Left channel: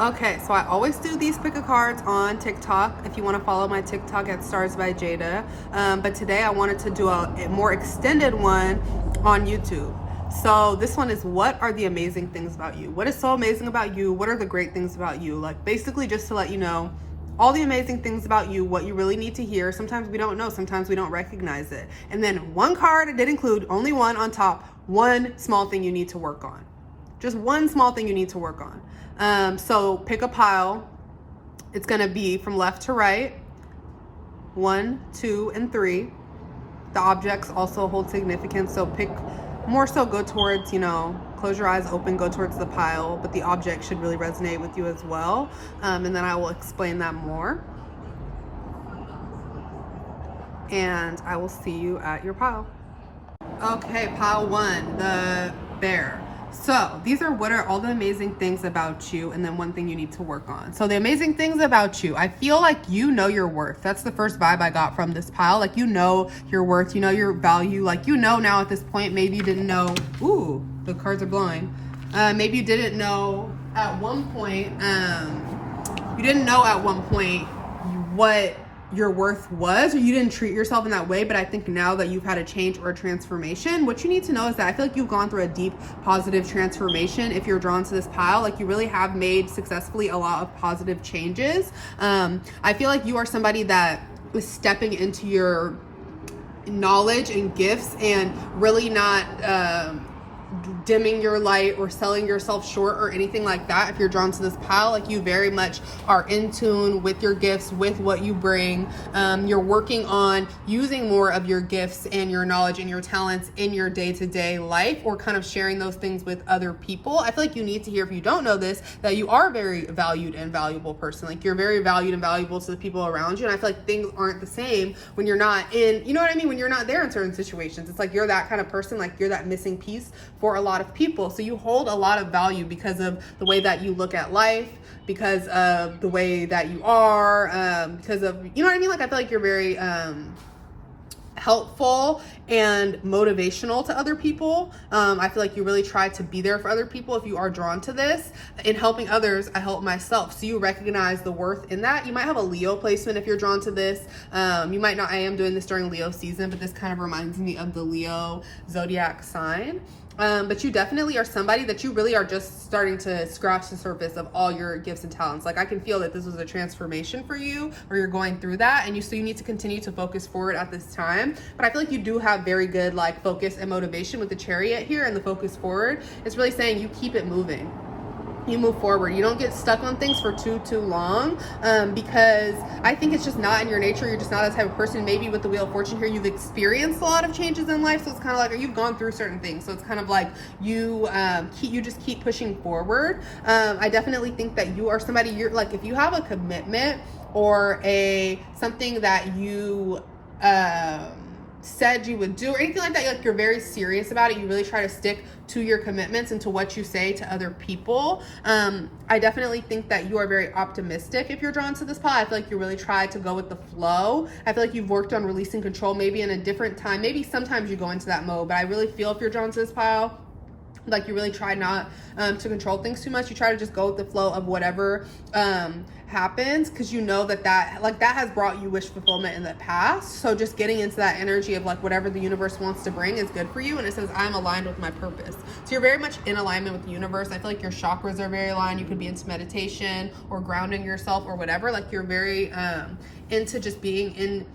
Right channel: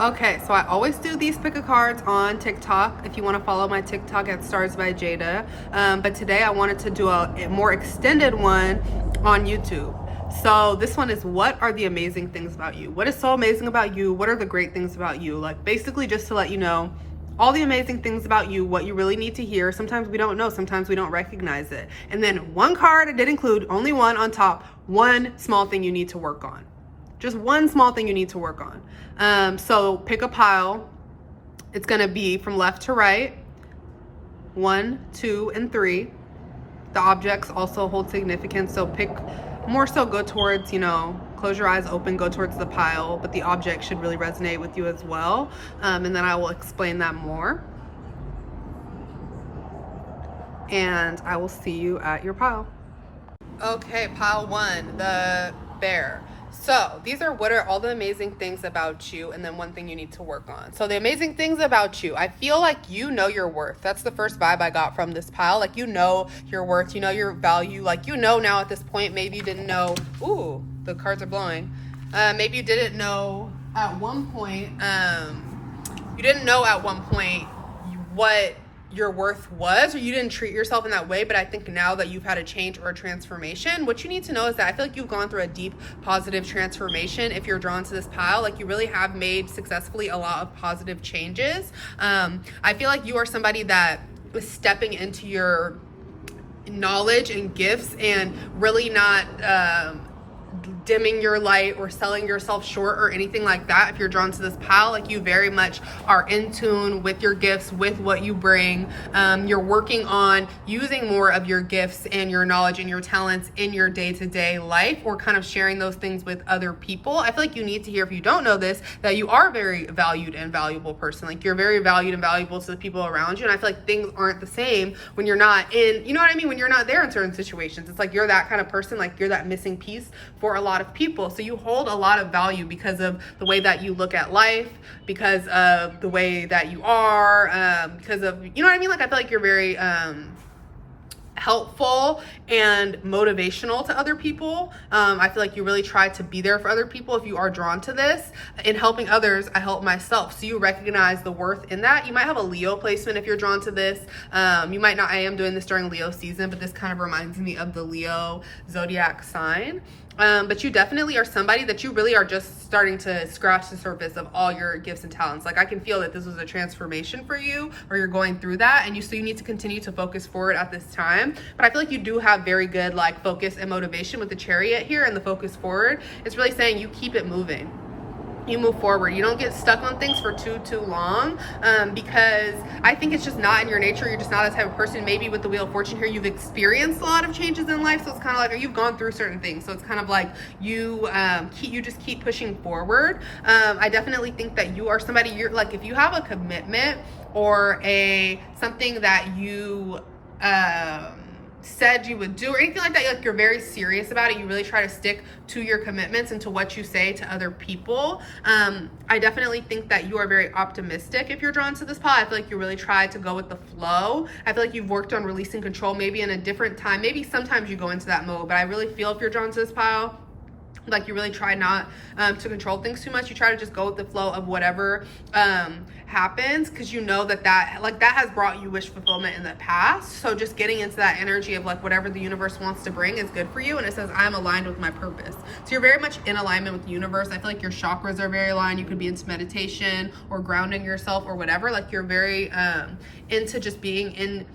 Okay, so I always do these pick a cards on TikTok if you want to follow my TikTok at STARSBYJADA. But today I wanted to do a more extended one on YouTube. So this one is, what are the amazing things about you? What is so amazing about you? What are the great things about you? Like, basically just to let you know all the amazing things about you, what you really need to hear. Sometimes we don't know, sometimes we don't recognize it. And then one card I did include, only one on top, one small thing you need to work on. Just one small thing you need to work on. So pick a pile. It's gonna be from left to right, 1, 2, and 3. The objects also hold significance, so pick more so go towards, close your eyes open, go towards the pile, but the object should really resonate with you as well. And then I will explain that more. And I will see you at your pile. Okay, pile 1, the bear. So these are what are all the amazing things about you, and then one thing you need to work on. So the amazing things about you, I feel like you know your worth. That's the first vibe I got from this pile. Like, you know your worth, you know your value. Like, you know now at this point, maybe you didn't know. Ooh, the cards are blowing. Maybe you didn't know at one point, what your worth was, or you didn't treat yourself in that way. But I think now that you've had a change or a transformation, what you need to know is that I feel like you've gone through a deep positive transformation. If you're drawn to this pile, like, you really have made successfully a lot of positive changes. I feel like you are somebody that was stepping into your knowledge and gifts and really not dimming your light or selling yourself short or anything like that. If you're drawn to this pile, like, you very much are in tune with your gifts, with what you bring. You're working on using more of your gifts and your knowledge and your talents in your day-to-day life, or kind of sharing those things with other people. I feel like you need to hear, if you don't know this, that you are a very valued and valuable person. Like, you're very valued and valuable to the people around you. And I feel like things aren't the same when you're not in, you know what I mean? When you're not there in certain situations. It's like you're that kind of person, like you're that missing piece for a lot of people. So you hold a lot of value because of the way that you look at life, because of the way that you are, because of, you know what I mean? Like, I feel like you're very helpful and motivational to other people. I feel like you really try to be there for other people. If you are drawn to this, in helping others, I help myself. So you recognize the worth in that. You might have a Leo placement if you're drawn to this. You might not. I am doing this during Leo season, but this kind of reminds me of the Leo zodiac sign. But you definitely are somebody that you really are just starting to scratch the surface of all your gifts and talents. Like, I can feel that this was a transformation for you, or you're going through that, and so you need to continue to focus forward at this time. But I feel like you do have very good, like, focus and motivation with the Chariot here, and the focus forward. It's really saying you keep it moving. You move forward. You don't get stuck on things for too long, because I think it's just not in your nature. You're just not that type of person. Maybe with the Wheel of Fortune here, you've experienced a lot of changes in life, so it's kind of like, or you've gone through certain things, so it's kind of like you just keep pushing forward. I definitely think that you are somebody, you're like, if you have a commitment or something that you said you would do or anything like that, like, you're very serious about it. You really try to stick to your commitments and to what you say to other people. I definitely think that you are very optimistic if you're drawn to this pile. I feel like you really try to go with the flow. I feel like you've worked on releasing control maybe in a different time. Maybe sometimes you go into that mode, but I really feel if you're drawn to this pile, like, you really try not to control things too much. You try to just go with the flow of whatever happens, because you know that has brought you wish fulfillment in the past. So just getting into that energy of, like, whatever the universe wants to bring is good for you. And it says, I'm aligned with my purpose. So you're very much in alignment with the universe. I feel like your chakras are very aligned. You could be into meditation or grounding yourself or whatever. Like, you're very into just being in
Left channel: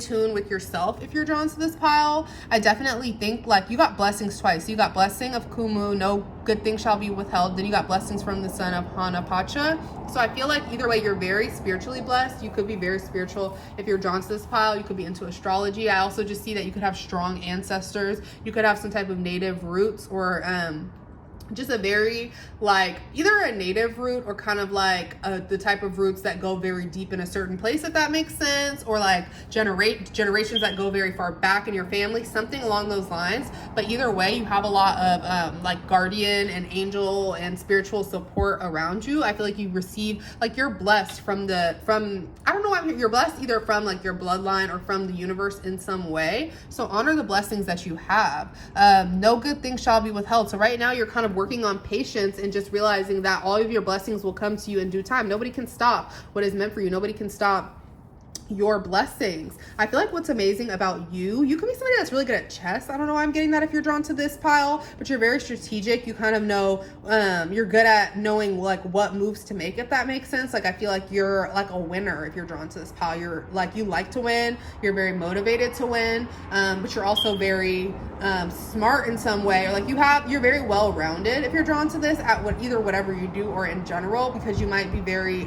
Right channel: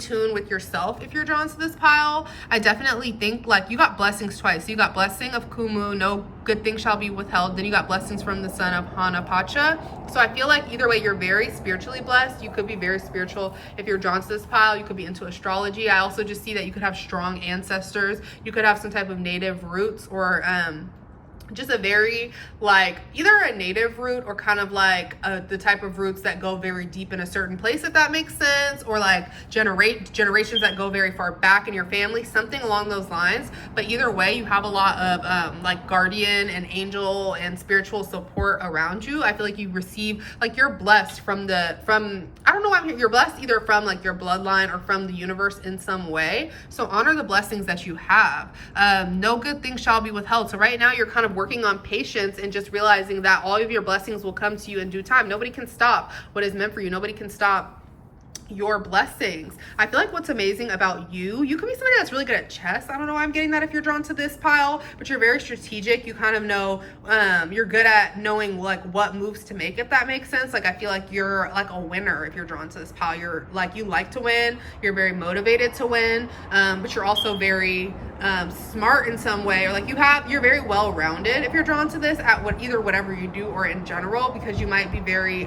tune with yourself if you're drawn to this pile. I definitely think, like, you got blessings twice. So you got blessing of Kumu, no good thing shall be withheld. Then you got blessings from the son of Hana Pacha. So I feel like either way, you're very spiritually blessed. You could be very spiritual if you're drawn to this pile. You could be into astrology. I also just see that you could have strong ancestors. You could have some type of native roots, or just a very, like, either a native root or kind of like the type of roots that go very deep in a certain place, if that makes sense, or like generations that go very far back in your family, something along those lines. But either way, you have a lot of like guardian and angel and spiritual support around you. I feel like you receive, like, you're blessed from I don't know why I'm here. You're blessed either from, like, your bloodline or from the universe in some way. So honor the blessings that you have. No good thing shall be withheld. So right now you're kind of working on patience and just realizing that all of your blessings will come to you in due time. Nobody can stop what is meant for you. Nobody can stop your blessings. I feel like what's amazing about you could be somebody that's really good at chess. I don't know why I'm getting that if you're drawn to this pile, but you're very strategic. You kind of know, you're good at knowing like what moves to make, if that makes sense. Like I feel like you're like a winner if you're drawn to this pile. You're like, you like to win, you're very motivated to win, but you're also very smart in some way, or like you're very well-rounded if you're drawn to this at either whatever you do or in general, because you might be very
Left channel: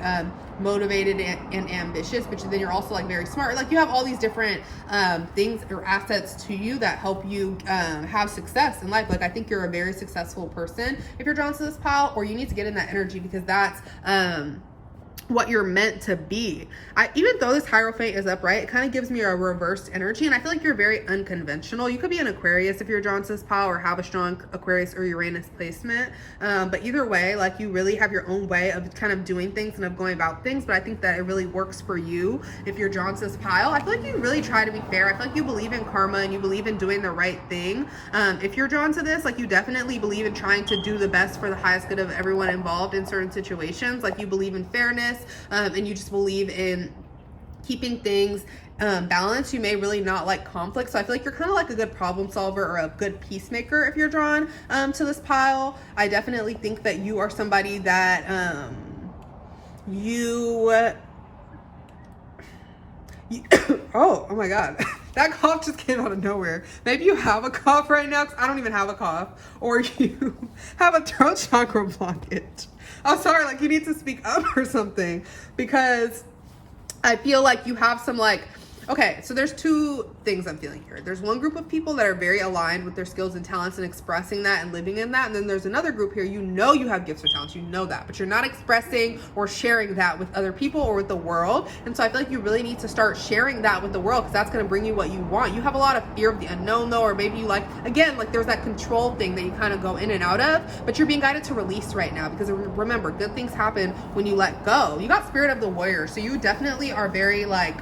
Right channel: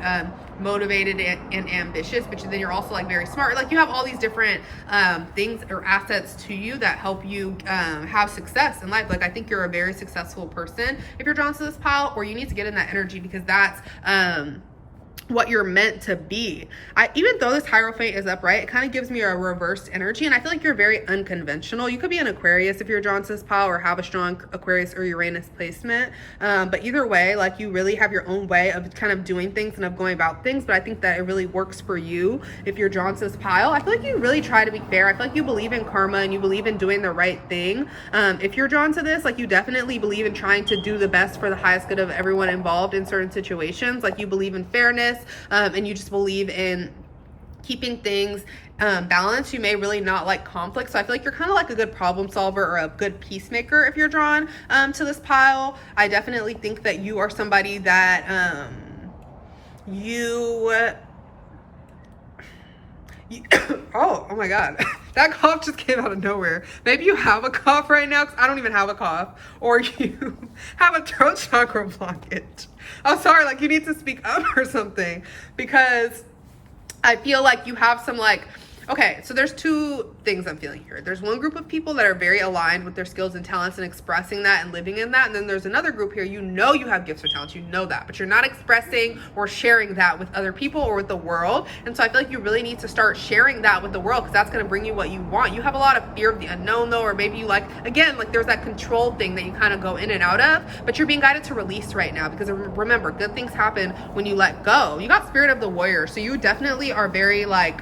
motivated and ambitious, but then you're also like very smart. Like you have all these different things or assets to you that help you have success in life. Like I think you're a very successful person if you're drawn to this pile, or you need to get in that energy, because that's what you're meant to be. Even though this Hierophant is upright, it kind of gives me a reversed energy, and I feel like you're very unconventional. You could be an Aquarius if you're drawn to this pile, or have a strong Aquarius or Uranus placement, but either way, like you really have your own way of kind of doing things and of going about things. But I think that it really works for you if you're drawn to this pile. I feel like you really try to be fair. I feel like you believe in karma and you believe in doing the right thing. If you're drawn to this, like you definitely believe in trying to do the best for the highest good of everyone involved in certain situations. Like you believe in fairness, and you just believe in keeping things balanced. You may really not like conflict, so I feel like you're kind of like a good problem solver or a good peacemaker if you're drawn to this pile. I definitely think that you are somebody that oh my god, that cough just came out of nowhere. Maybe you have a cough right now, because I don't even have a cough, or you have a throat chakra blockage. I'm sorry, like you need to speak up or something, because I feel like you have some like, okay, so there's two things I'm feeling here. There's one group of people that are very aligned with their skills and talents and expressing that and living in that. And then there's another group here, you know you have gifts or talents, you know that, but you're not expressing or sharing that with other people or with the world. And so I feel like you really need to start sharing that with the world, because that's going to bring you what you want. You have a lot of fear of the unknown though, or maybe you like, again, like there's that control thing that you kind of go in and out of, but you're being guided to release right now, because remember, good things happen when you let go. You got Spirit of the Warrior, so you definitely are very like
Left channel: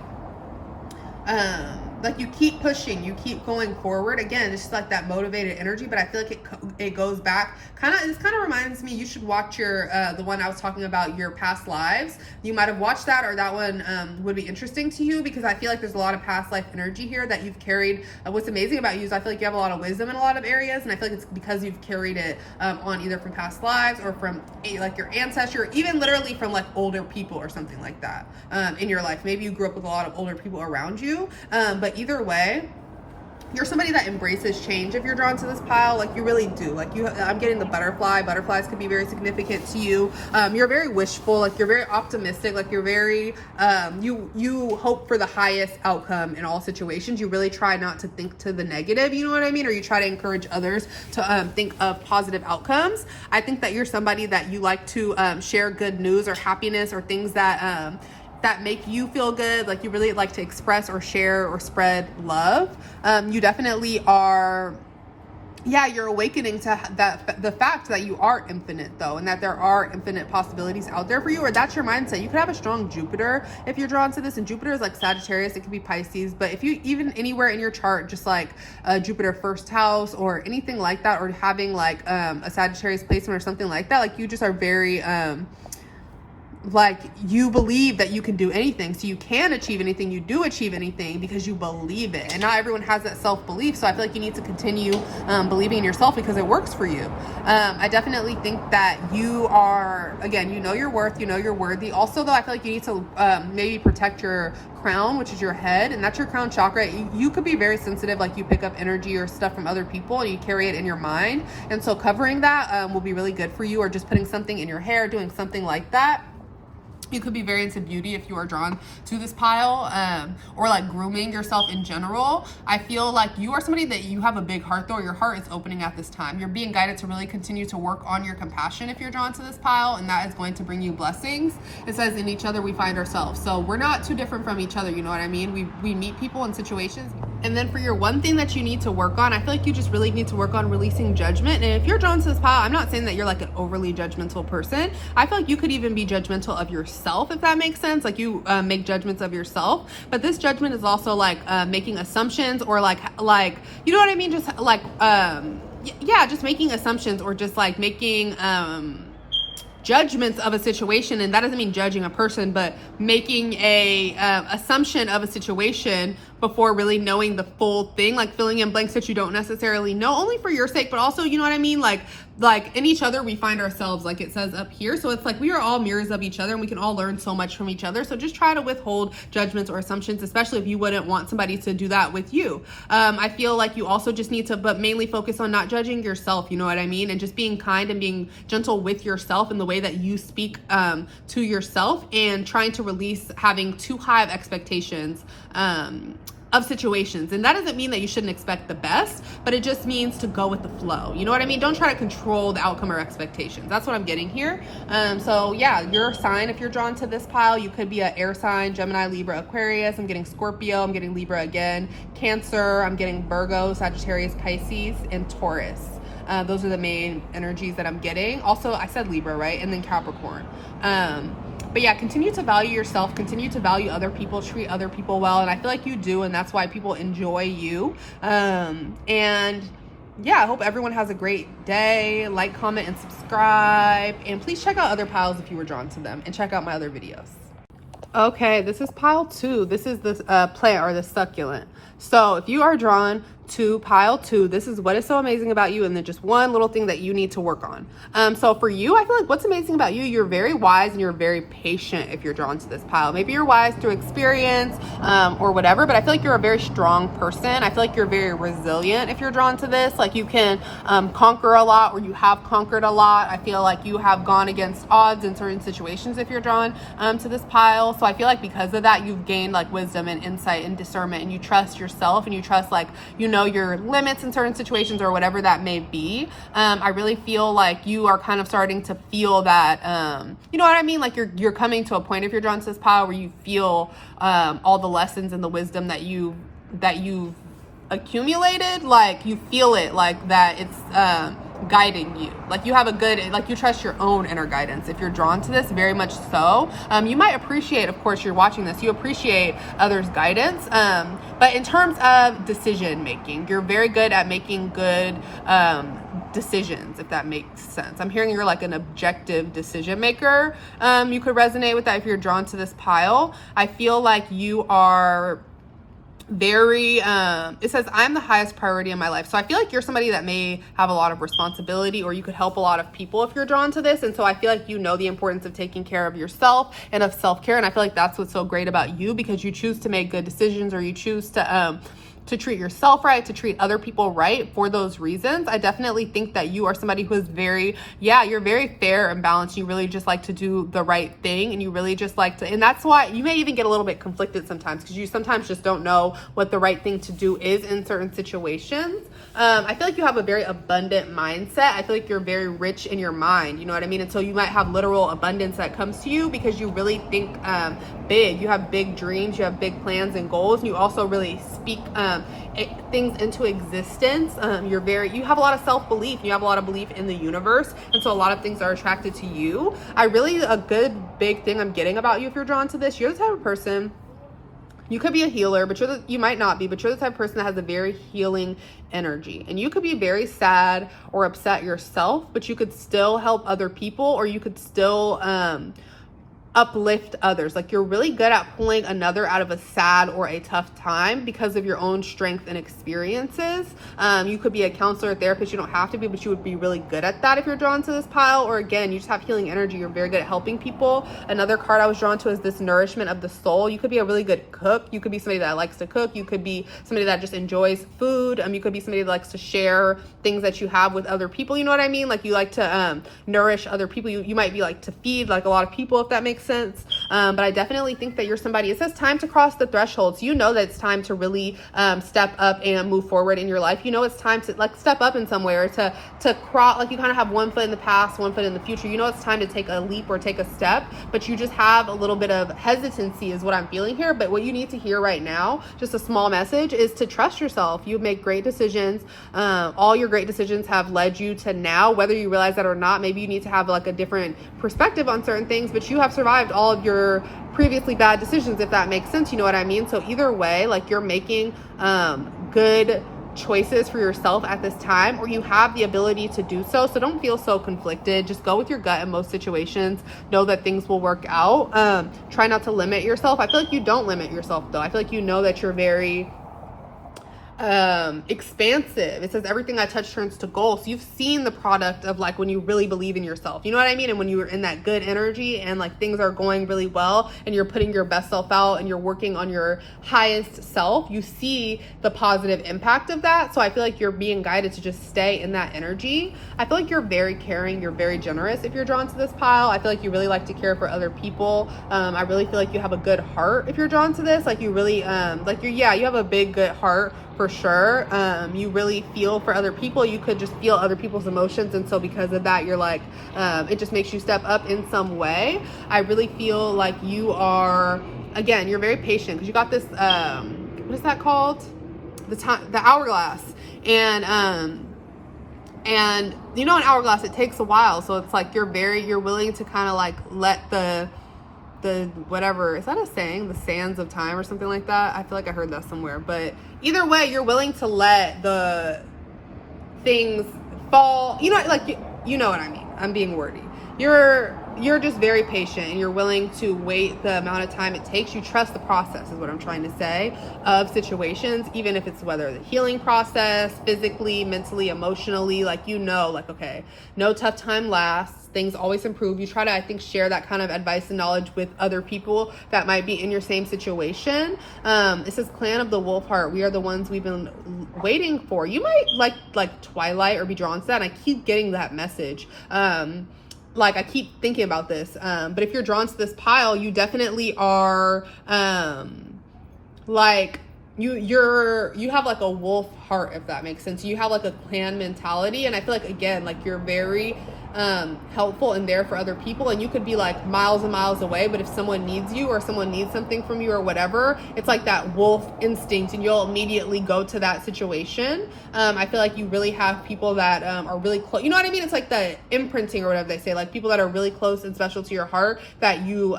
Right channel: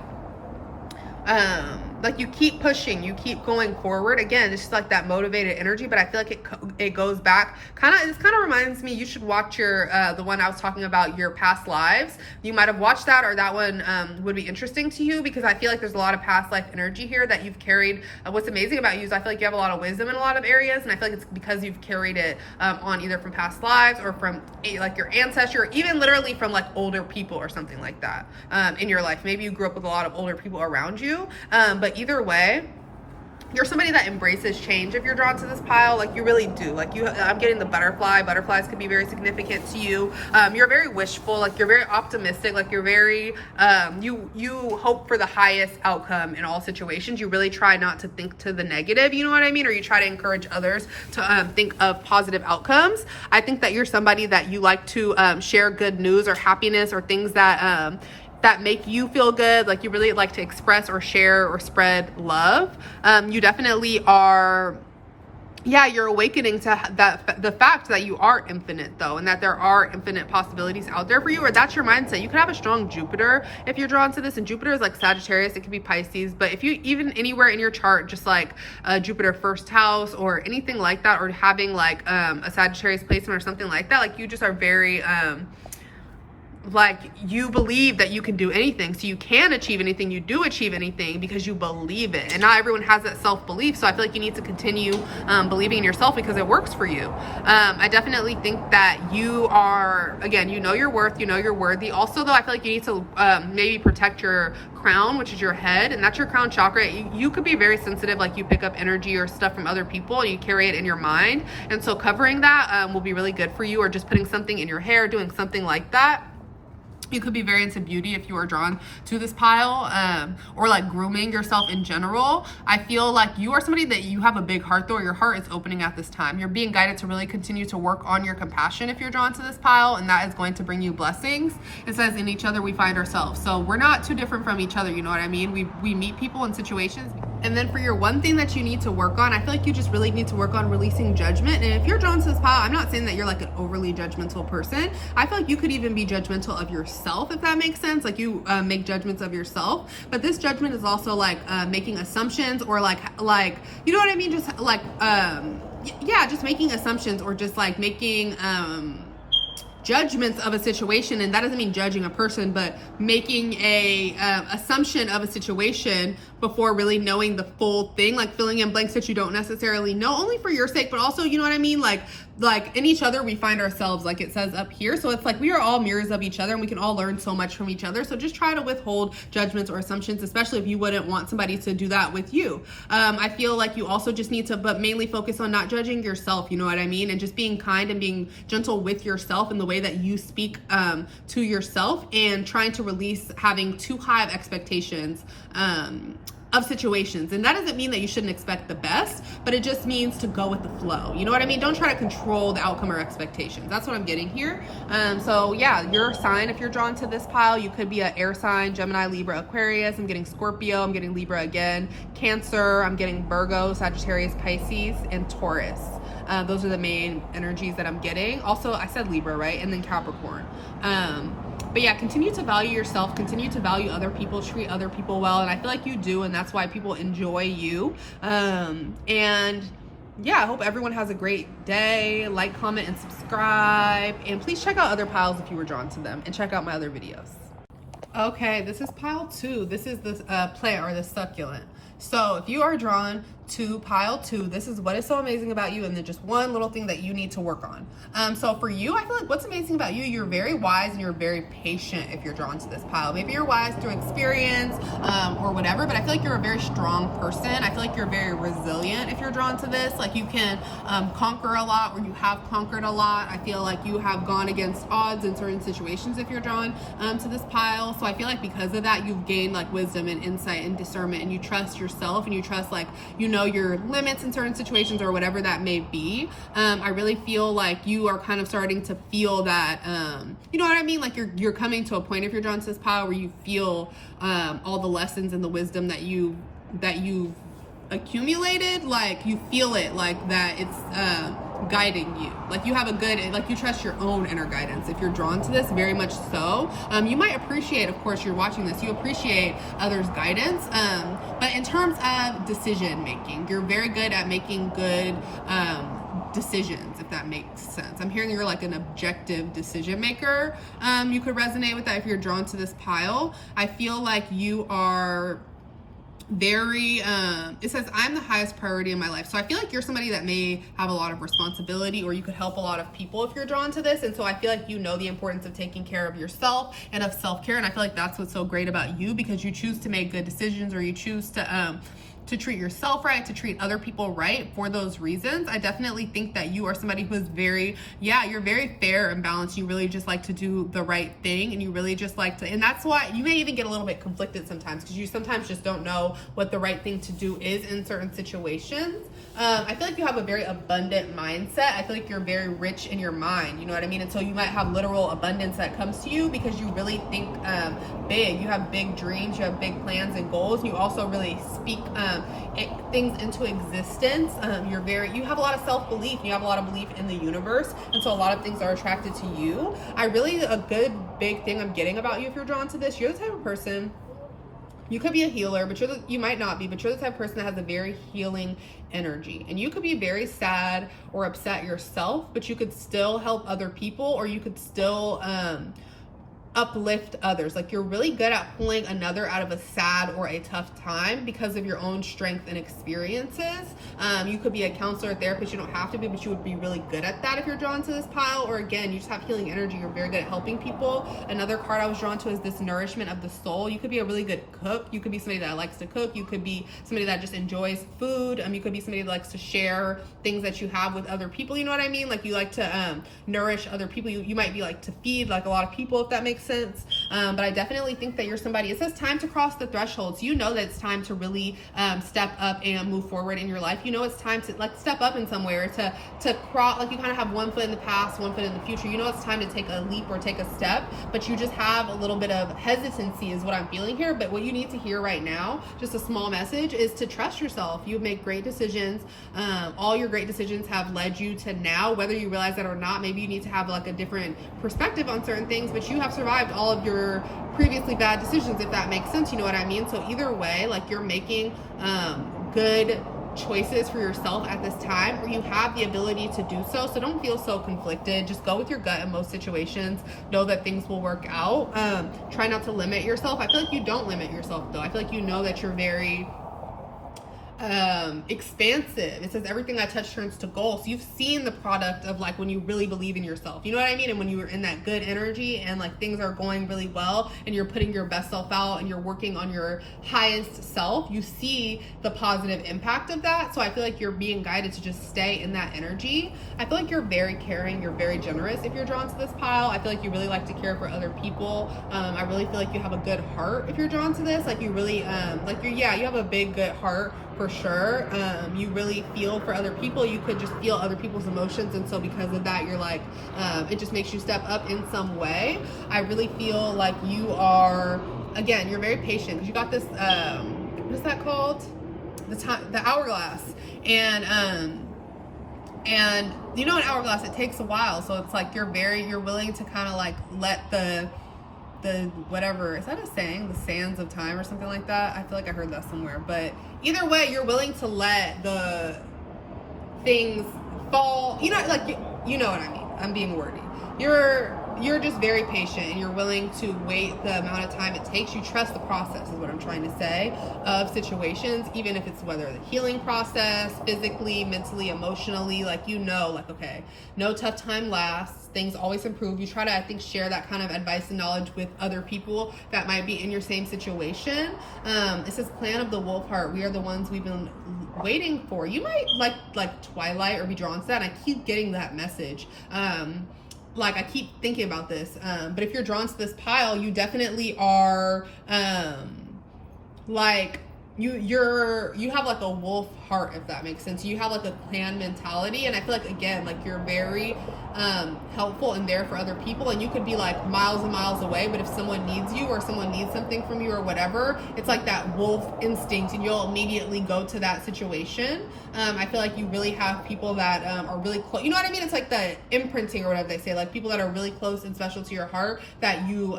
you keep pushing, you keep going forward. Again, it's just like that motivated energy, but I feel like it goes back this kind of reminds me, you should watch your the one I was talking about, your past lives. You might have watched that, or that one would be interesting to you, because I feel like there's a lot of past life energy here that you've carried. What's amazing about you is I feel like you have a lot of wisdom in a lot of areas, and I feel like it's because you've carried it on either from past lives or from like your ancestry, or even literally from like older people or something like that in your life. Maybe you grew up with a lot of older people around you, but either way, you're somebody that embraces change if you're drawn to this pile. Like you really do. Like I'm getting the butterfly. Butterflies could be very significant to you. You're very wishful. Like you're very optimistic. Like you're very you hope for the highest outcome in all situations. You really try not to think to the negative, you know what I mean? Or you try to encourage others to think of positive outcomes. I think that you're somebody that you like to share good news or happiness or things that make you feel good. Like you really like to express or share or spread love. You definitely are, you're awakening to the fact that you are infinite though, and that there are infinite possibilities out there for you, or that's your mindset. You could have a strong Jupiter if you're drawn to this, and Jupiter is like Sagittarius, it could be Pisces, but if you even anywhere in your chart, just like Jupiter first house or anything like that, or having like a Sagittarius placement or something like that, like you just are very like you believe that you can do anything, so you can achieve anything, you do achieve anything because you believe it. And not everyone has that self-belief, so I feel like you need to continue believing in yourself, because it works for you. I definitely think that you are, again, you know your worth, you know you're worthy. Also though, I feel like you need to maybe protect your crown, which is your head, and that's your crown chakra. You could be very sensitive, like you pick up energy or stuff from other people and you carry it in your mind, and so covering that will be really good for you, or just putting something in your hair, doing something like that. You could be very into beauty if you are drawn to this pile, or like grooming yourself in general. I feel like you are somebody that you have a big heart though. Your heart is opening at this time. You're being guided to really continue to work on your compassion if you're drawn to this pile, and that is going to bring you blessings. It says in each other we find ourselves. So we're not too different from each other, you know what I mean? We meet people in situations. And then for your one thing that you need to work on, I feel like you just really need to work on releasing judgment. And if you're drawn to this pile, I'm not saying that you're like an overly judgmental person. I feel like you could even be judgmental of yourself, if that makes sense. Like you make judgments of yourself, but this judgment is also like making assumptions, or like you know what I mean? Just like yeah, just making assumptions or just like making judgments of a situation. And that doesn't mean judging a person, but making a assumption of a situation before really knowing the full thing, like filling in blanks that you don't necessarily know, only for your sake, but also, you know what I mean? Like in each other, we find ourselves, like it says up here. So it's like we are all mirrors of each other and we can all learn so much from each other. So just try to withhold judgments or assumptions, especially if you wouldn't want somebody to do that with you. I feel like you also just need to, but mainly focus on not judging yourself, you know what I mean? And just being kind and being gentle with yourself in the way that you speak to yourself, and trying to release having too high of expectations of situations. And that doesn't mean that you shouldn't expect the best, but it just means to go with the flow. You know what I mean? Don't try to control the outcome or expectations. That's what I'm getting here. So yeah, your sign, if you're drawn to this pile, you could be an air sign, Gemini, Libra, Aquarius. I'm getting Scorpio. I'm getting Libra again. Cancer. I'm getting Virgo, Sagittarius, Pisces, and Taurus. Those are the main energies that I'm getting. Also, I said Libra, right? And then Capricorn. But yeah, continue to value yourself, continue to value other people, treat other people well. And I feel like you do, and that's why people enjoy you. And yeah, I hope everyone has a great day. Like, comment, and subscribe. And please check out other piles if you were drawn to them, and check out my other videos. Okay, this is pile 2. This is this plant, or the succulent. So if you are drawn to pile 2, this is what is so amazing about you, and then just one little thing that you need to work on. So for you, I feel like what's amazing about you, you're very wise and you're very patient if you're drawn to this pile. Maybe you're wise through experience or whatever, but I feel like you're a very strong person. I feel like you're very resilient if you're drawn to this. Like you can conquer a lot, or you have conquered a lot. I feel like you have gone against odds in certain situations if you're drawn to this pile. So I feel like because of that, you've gained like wisdom and insight and discernment, and you trust yourself, and you trust, like, you know, your limits in certain situations or whatever that may be. I really feel like you are kind of starting to feel that, you know what I mean? Like you're coming to a point, if you're drawn to this pile, where you feel all the lessons and the wisdom that you've accumulated. Like you feel it, like that it's guiding you. Like you have a good, like you trust your own inner guidance if you're drawn to this, very much so. You might appreciate, of course, you're watching this, you appreciate others' guidance, but in terms of decision making, you're very good at making good decisions, if that makes sense. I'm hearing you're like an objective decision maker. You could resonate with that if you're drawn to this pile. I feel like you are very it says, I'm the highest priority in my life. So I feel like you're somebody that may have a lot of responsibility, or you could help a lot of people if you're drawn to this. And so I feel like you know the importance of taking care of yourself and of self-care. And I feel like that's what's so great about you, because you choose to make good decisions, or you choose to treat yourself right, to treat other people right for those reasons. I definitely think that you are somebody who is very, yeah, you're very fair and balanced. You really just like to do the right thing, and you really just like to, and that's why you may even get a little bit conflicted sometimes, because you sometimes just don't know what the right thing to do is in certain situations. I feel like you have a very abundant mindset. I feel like you're very rich in your mind, you know what I mean? And so you might have literal abundance that comes to you because you really think big. You have big dreams, you have big plans and goals, and you also really speak things into existence. You have a lot of self-belief, you have a lot of belief in the universe, and so a lot of things are attracted to you. A good big thing I'm getting about you, if you're drawn to this, you're the type of person, you could be a healer, but you might not be, but you're the type of person that has a very healing energy. And you could be very sad or upset yourself, but you could still help other people, or you could still uplift others. Like you're really good at pulling another out of a sad or a tough time because of your own strength and experiences. You could be a counselor, therapist, you don't have to be, but you would be really good at that if you're drawn to this pile. Or again, you just have healing energy, you're very good at helping people. Another card I was drawn to is this nourishment of the soul. You could be a really good cook, you could be somebody that likes to cook, you could be somebody that just enjoys food, you could be somebody that likes to share things that you have with other people, you know what I mean? Like you like to nourish other people. You might be like to feed like a lot of people, if that makes sense. But I definitely think that you're somebody, it says time to cross the thresholds. You know that it's time to really step up and move forward in your life. You know it's time to like step up in some way, or to cross, like you kind of have one foot in the past, one foot in the future. You know it's time to take a leap or take a step, but you just have a little bit of hesitancy is what I'm feeling here. But what you need to hear right now, just a small message, is to trust yourself. You make great decisions. All your great decisions have led you to now, whether you realize that or not. Maybe you need to have like a different perspective on certain things, but you have survived all of your previously bad decisions, if that makes sense, you know what I mean? So either way, like you're making good choices for yourself at this time, or you have the ability to do so. So don't feel so conflicted. Just go with your gut in most situations. Know that things will work out. Try not to limit yourself. I feel like you don't limit yourself though. I feel like you know that you're very expansive. It says everything I touch turns to gold. So you've seen the product of like when you really believe in yourself, you know what I mean? And when you're in that good energy and like things are going really well and you're putting your best self out and you're working on your highest self, you see the positive impact of that. So I feel like you're being guided to just stay in that energy. I feel like you're very caring, you're very generous if you're drawn to this pile. I feel like you really like to care for other people. I really feel like you have a good heart if you're drawn to this. Like you really you have a big good heart for sure. You really feel for other people. You could just feel other people's emotions, and so because of that, you're like, it just makes you step up in some way. I really feel like you are, again, you're very patient because you got this, what is that called? The hourglass. And you know, an hourglass, it takes a while. So it's like you're willing to kind of like let the whatever, is that a saying, the sands of time or something like that? I feel like I heard that somewhere. But either way, you're willing to let the things fall, you know, like you know what I mean. I'm being wordy. You're just very patient and you're willing to wait the amount of time it takes. You trust the process is what I'm trying to say, of situations, even if it's whether the healing process, physically, mentally, emotionally, like, you know, like, okay, no tough time lasts. Things always improve. You try to, I think, share that kind of advice and knowledge with other people that might be in your same situation. It says Clan of the Wolf Heart. We are the ones we've been waiting for. You might like Twilight or be drawn to that. And I keep getting that message. Like I keep thinking about this. But if you're drawn to this pile, you definitely are like you have like a wolf heart, if that makes sense. You have like a clan mentality, and I feel like, again, like you're very helpful and there for other people, and you could be like miles and miles away, but if someone needs you or someone needs something from you or whatever, it's like that wolf instinct and you'll immediately go to that situation. I feel like you really have people that are really close, you know what I mean? It's like the imprinting or whatever they say, like people that are really close and special to your heart that you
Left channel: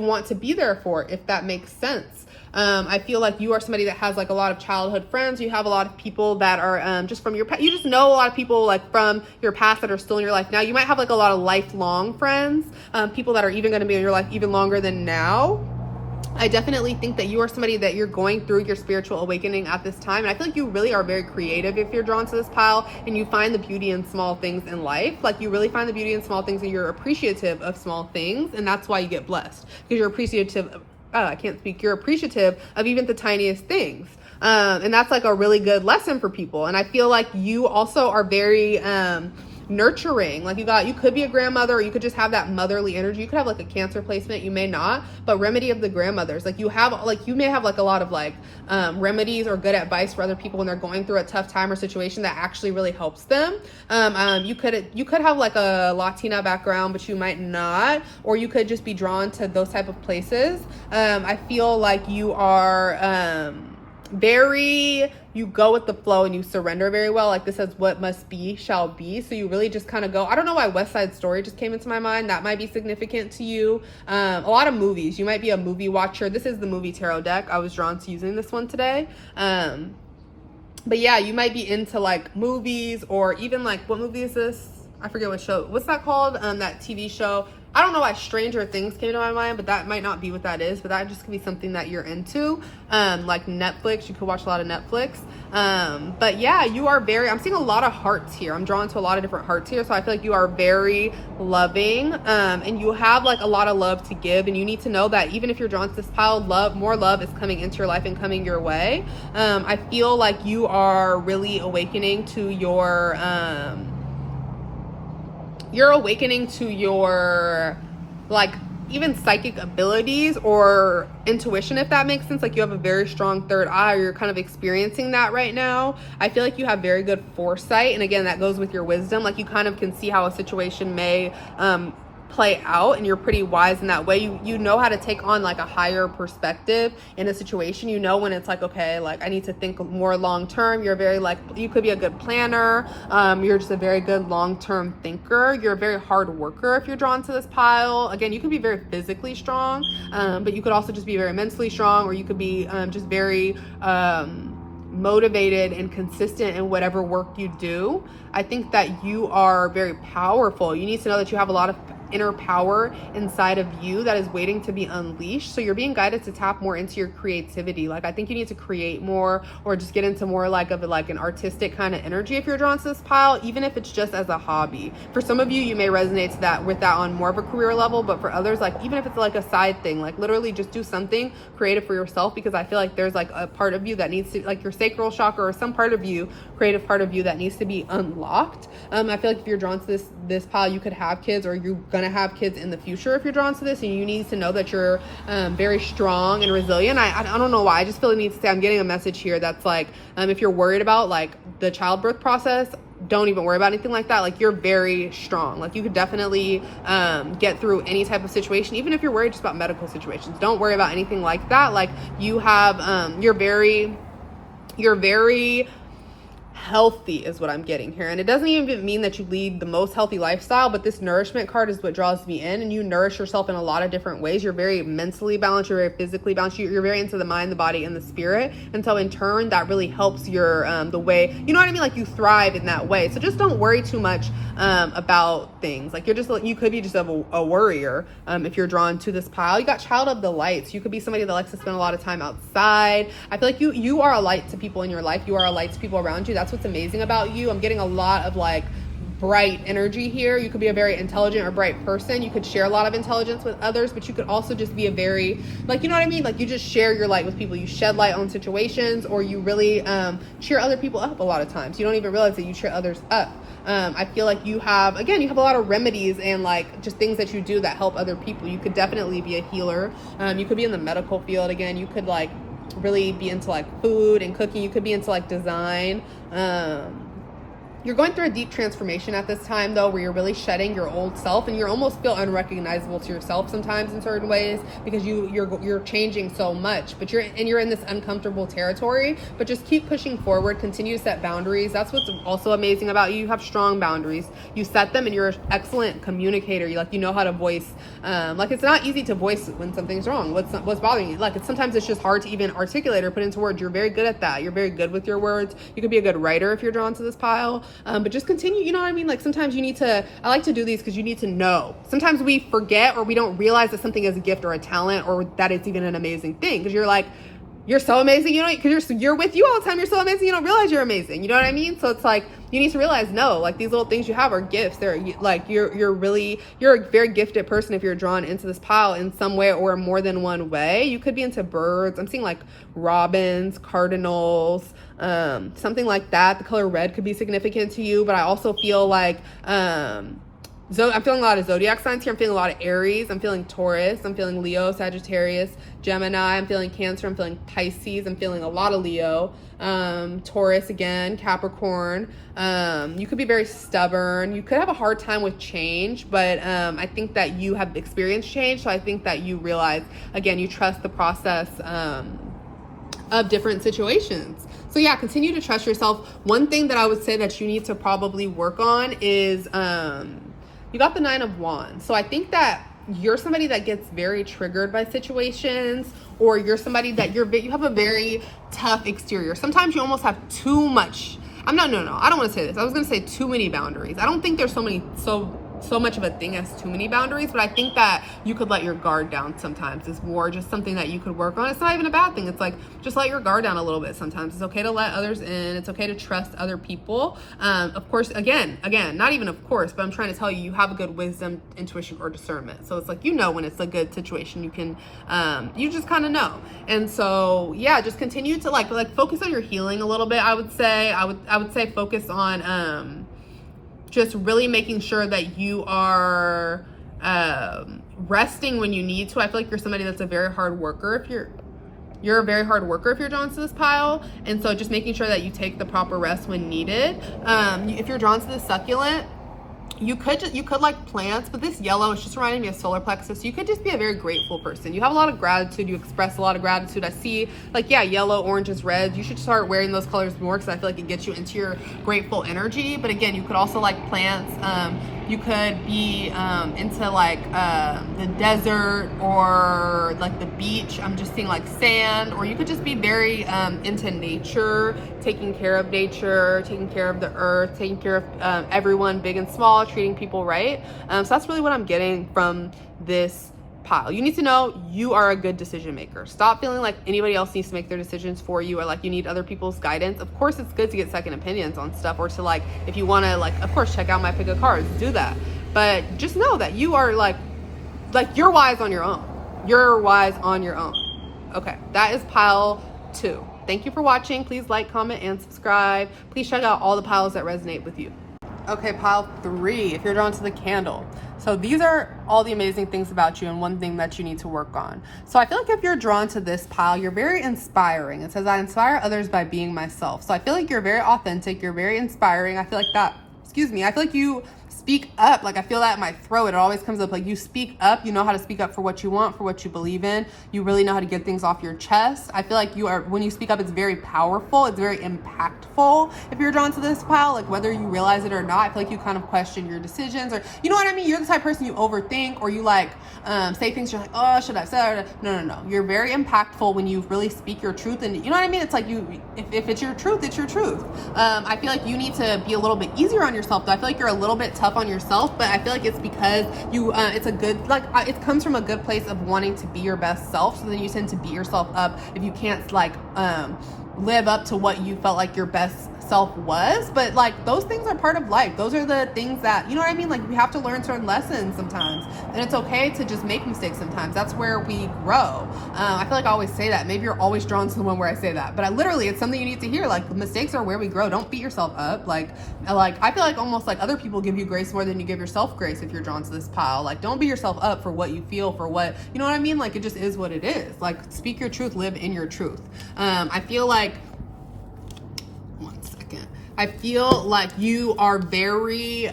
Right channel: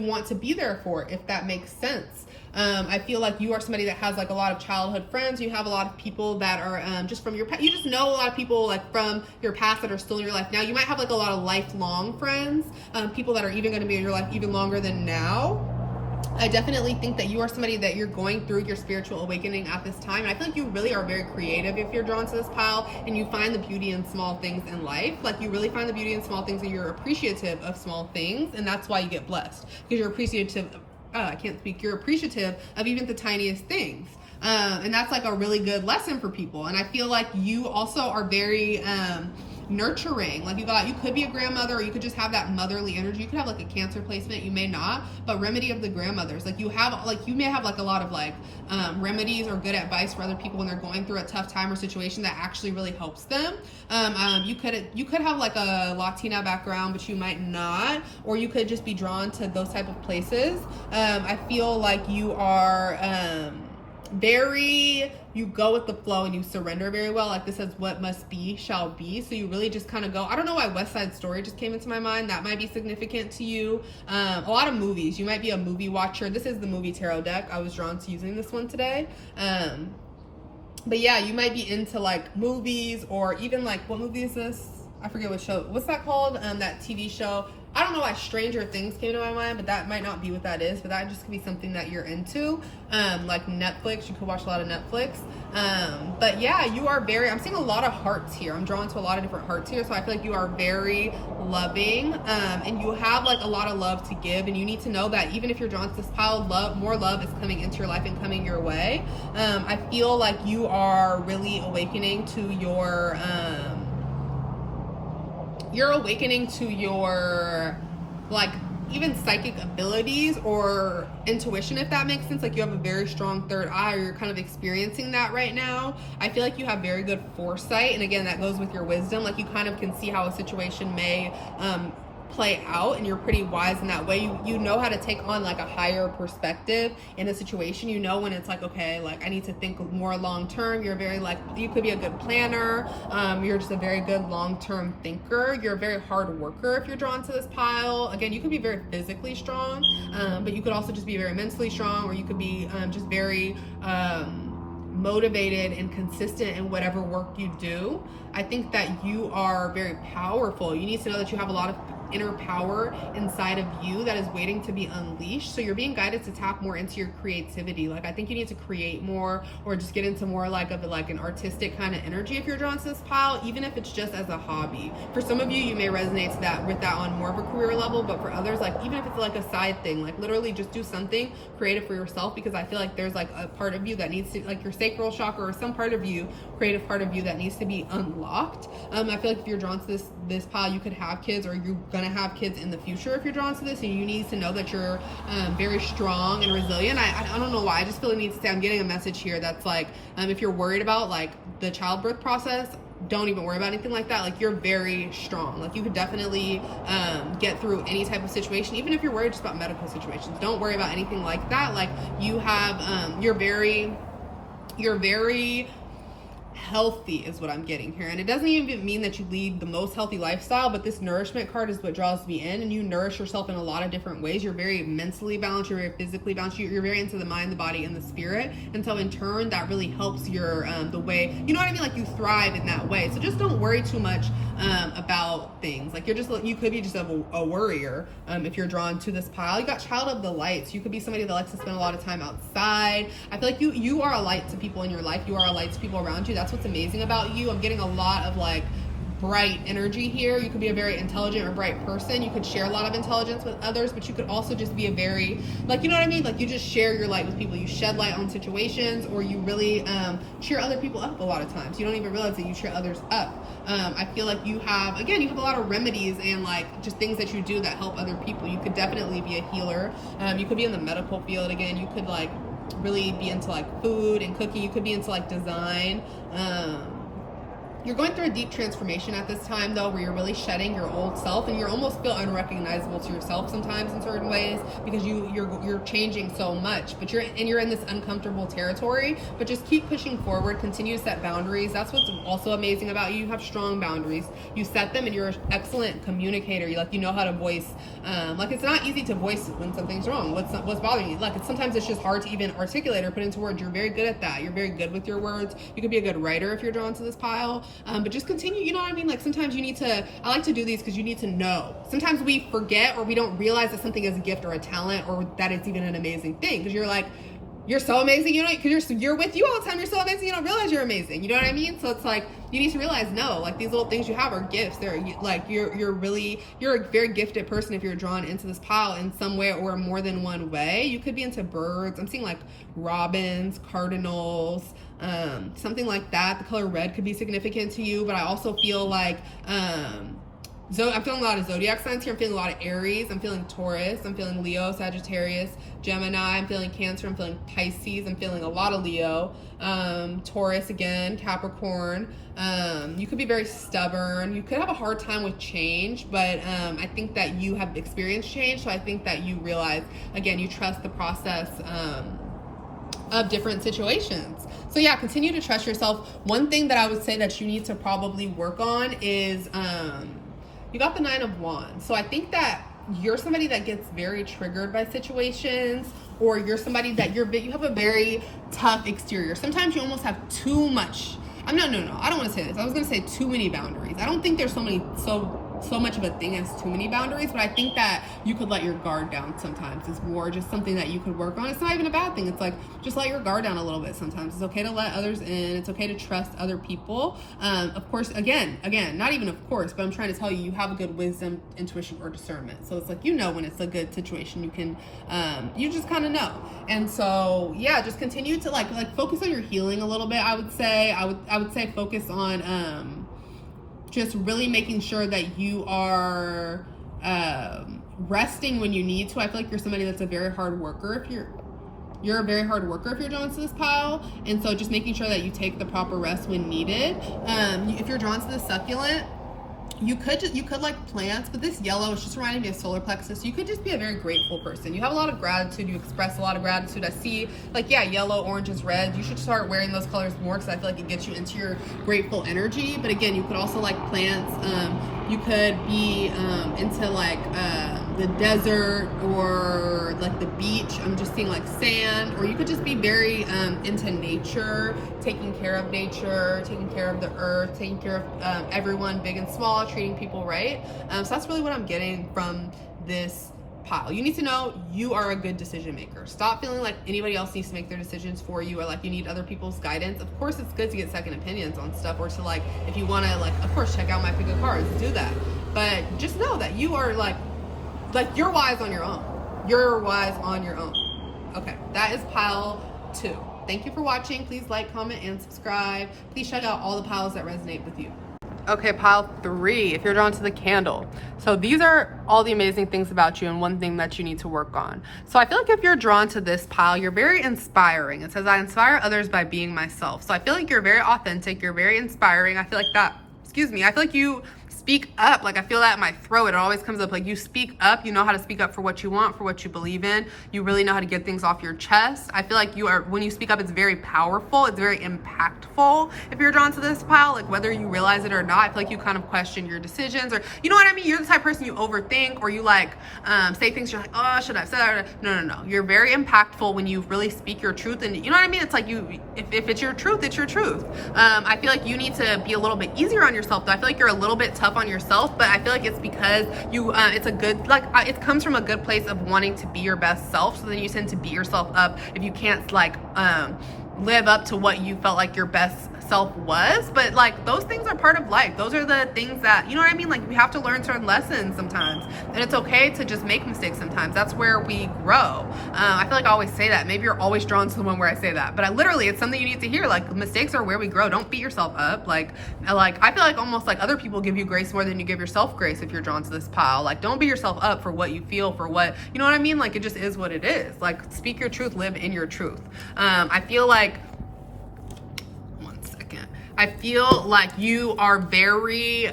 want to be there for, if that makes sense. I feel like you are somebody that has like a lot of childhood friends. You have a lot of people that are just from your past. You just know a lot of people like from your past that are still in your life now. You might have like a lot of lifelong friends, people that are even going to be in your life even longer than now. I definitely think that you are somebody that you're going through your spiritual awakening at this time. And I feel like you really are very creative if you're drawn to this pile, and you find the beauty in small things in life. Like you really find the beauty in small things, and you're appreciative of small things. And that's why you get blessed, because you're appreciative. I can't speak. You're appreciative of even the tiniest things. And that's like a really good lesson for people. And I feel like you also are very nurturing. Like you could be a grandmother, or you could just have that motherly energy. You could have like a Cancer placement, you may not, but remedy of the grandmothers. Like you may have like a lot of like remedies or good advice for other people when they're going through a tough time or situation that actually really helps them. You could have like a Latina background, but you might not, or you could just be drawn to those type of places. I feel like you are you go with the flow and you surrender very well. Like this says, what must be shall be. So you really just kind of go. I don't know why West Side Story just came into my mind. That might be significant to you. A lot of movies. You might be a movie watcher. This is the movie tarot deck. I was drawn to using this one today. But yeah, you might be into like movies, or even like, what movie is this? I forget what show. What's that called? That TV show. I don't know why Stranger Things came to my mind, but that might not be what that is. But that just could be something that you're into. Like Netflix, you could watch a lot of Netflix. But yeah, you are I'm seeing a lot of hearts here. I'm drawn to a lot of different hearts here. So I feel like you are very loving, and you have like a lot of love to give. And you need to know that even if you're drawn to this pile, more love is coming into your life and coming your way. I feel like you are really awakening to your, like even psychic abilities or intuition, if that makes sense. Like you have a very strong third eye, or you're kind of experiencing that right now. I feel like you have very good foresight, and again, that goes with your wisdom. Like you kind of can see how a situation may play out, and you're pretty wise in that way. You know how to take on like a higher perspective in a situation. You know when it's like, okay, like I need to think more long term. You're very like, you could be a good planner. You're just a very good long-term thinker. You're a very hard worker if you're drawn to this pile. Again, you could be very physically strong, but you could also just be very mentally strong, or you could be just very motivated and consistent in whatever work you do. I think that you are very powerful. You need to know that you have a lot of inner power inside of you that is waiting to be unleashed. So you're being guided to tap more into your creativity. Like, I think you need to create more, or just get into more like of like an artistic kind of energy if you're drawn to this pile, even if it's just as a hobby. For some of you, you may resonate to that with that on more of a career level, but for others, like even if it's like a side thing, like literally just do something creative for yourself, because I feel like there's like a part of you that needs to, like your sacral chakra or some part of you, creative part of you, that needs to be unlocked. I feel like if you're drawn to this pile, you could have kids, or you're gonna have kids in the future if you're drawn to this, and you need to know that you're very strong and resilient. I don't know why, I just feel the need to say, I'm getting a message here that's like, if you're worried about like the childbirth process, don't even worry about anything like that. Like, you're very strong. Like, you could definitely get through any type of situation, even if you're worried just about medical situations. Don't worry about anything like that. Like, you have you're very healthy is what I'm getting here. And it doesn't even mean that you lead the most healthy lifestyle, but this nourishment card is what draws me in, and you nourish yourself in a lot of different ways. You're very mentally balanced, you're very physically balanced, you're very into the mind, the body, and the spirit. And so in turn, that really helps your the way, you know what I mean, like you thrive in that way. So just don't worry too much about things. Like, you could be just a worrier if you're drawn to this pile. You got child of the lights. You could be somebody that likes to spend a lot of time outside. I feel like you are a light to people in your life. You are a light to people around you. That's what's amazing about you. I'm getting a lot of like bright energy here. You could be a very intelligent or bright person. You could share a lot of intelligence with others, but you could also just be a very, like, you know what I mean? Like, you just share your light with people. You shed light on situations, or you really cheer other people up a lot of times. You don't even realize that you cheer others up. I feel like you have a lot of remedies and like just things that you do that help other people. You could definitely be a healer. You could be in the medical field. Again, you could like really be into like food and cooking. You could be into like design. You're going through a deep transformation at this time, though, where you're really shedding your old self, and you almost feel unrecognizable to yourself sometimes in certain ways, because you're changing so much. But you're in this uncomfortable territory. But just keep pushing forward. Continue to set boundaries. That's what's also amazing about you. You have strong boundaries. You set them, and you're an excellent communicator. You know how to voice. Like, it's not easy to voice when something's wrong. What's bothering you? Like, sometimes it's just hard to even articulate or put into words. You're very good at that. You're very good with your words. You could be a good writer if you're drawn to this pile. But just continue, you know what I mean? Like, sometimes you need to, I like to do these because you need to know. Sometimes we forget, or we don't realize that something is a gift or a talent, or that it's even an amazing thing. Because you're like, you're so amazing, you know, because you're with you all the time. You're so amazing, you don't realize you're amazing. You know what I mean? So it's like, you need to realize, no, like, these little things you have are gifts. They're like, you're a very gifted person if you're drawn into this pile in some way or more than one way. You could be into birds. I'm seeing like robins, cardinals, something like that. The color red could be significant to you, but I also feel like I'm feeling a lot of zodiac signs here. I'm feeling a lot of Aries. I'm feeling Taurus. I'm feeling Leo, Sagittarius, Gemini. I'm feeling Cancer. I'm feeling Pisces. I'm feeling a lot of Leo. Taurus again, Capricorn. You could be very stubborn. You could have a hard time with change, but I think that you have experienced change. So I think that you realize, again, you trust the process of different situations. So yeah, continue to trust yourself. One thing that I would say that you need to probably work on is you got the 9 of Wands. So I think that you're somebody that gets very triggered by situations, or you're somebody that you have a very tough exterior. Sometimes you almost have too much. I don't want to say this. I was going to say too many boundaries. I don't think there's so much of a thing as too many boundaries, but I think that you could let your guard down sometimes. It's more just something that you could work on. It's not even a bad thing. It's like, just let your guard down a little bit sometimes. It's okay to let others in. It's okay to trust other people. Of course, again, not even of course, but I'm trying to tell you, you have a good wisdom, intuition, or discernment. So it's like, you know when it's a good situation. You can, you just kind of know. And so, yeah, just continue to like focus on your healing a little bit, I would say. I would say focus on, just really making sure that you are resting when you need to. I feel like you're somebody that's a very hard worker. You're a very hard worker if you're drawn to this pile. And so just making sure that you take the proper rest when needed. If you're drawn to the succulent, you could like plants, but this yellow is just reminding me of solar plexus. You could just be a very grateful person. You have a lot of gratitude. You express a lot of gratitude. I see like, yeah, yellow, oranges, reds. You should start wearing those colors more, because I feel like it gets you into your grateful energy. But again, you could also like plants. You could be into like the desert or like the beach. I'm just seeing like sand, or you could just be very into nature, taking care of nature, taking care of the earth, taking care of everyone, big and small, treating people right. So that's really what I'm getting from this pile. You need to know you are a good decision maker. Stop feeling like anybody else needs to make their decisions for you, or like you need other people's guidance. Of course, it's good to get second opinions on stuff, or to like, if you want to, like, of course, check out my pick of cards, do that. But just know that you are like you're wise on your own. You're wise on your own. Okay, that is pile 2. Thank you for watching. Please like, comment, and subscribe. Please check out all the piles that resonate with you. Okay, pile 3, if you're drawn to the candle. So these are all the amazing things about you and one thing that you need to work on. So I feel like if you're drawn to this pile, you're very inspiring. It says, I inspire others by being myself. So I feel like you're very authentic. You're very inspiring. I feel like that, I feel like you speak up. Like, I feel that in my throat. It always comes up. Like, you speak up. You know how to speak up for what you want, for what you believe in. You really know how to get things off your chest. I feel like when you speak up, it's very powerful. It's very impactful. If you're drawn to this pile, like, whether you realize it or not, I feel like you kind of question your decisions, or, you know what I mean? You're the type of person you overthink, or you like say things you're like, oh, should I say that? No. You're very impactful when you really speak your truth. And you know what I mean? It's like, if it's your truth, it's your truth. I feel like you need to be a little bit easier on yourself, though. I feel like you're a little bit tough on yourself, but I feel like it's because you it's a good, like, it comes from a good place of wanting to be your best self. So then you tend to beat yourself up if you can't like live up to what you felt like your best self was. But like, those things are part of life. Those are the things that, you know what I mean? Like, we have to learn certain lessons sometimes, and it's okay to just make mistakes sometimes. That's where we grow. I feel like I always say that. Maybe you're always drawn to the one where I say that, but it's something you need to hear. Like, mistakes are where we grow. Don't beat yourself up. Like I feel like almost like other people give you grace more than you give yourself grace if you're drawn to this pile. Like, don't beat yourself up for what you feel, for what, you know what I mean? Like, it just is what it is. Like, speak your truth, live in your truth. I feel like you are very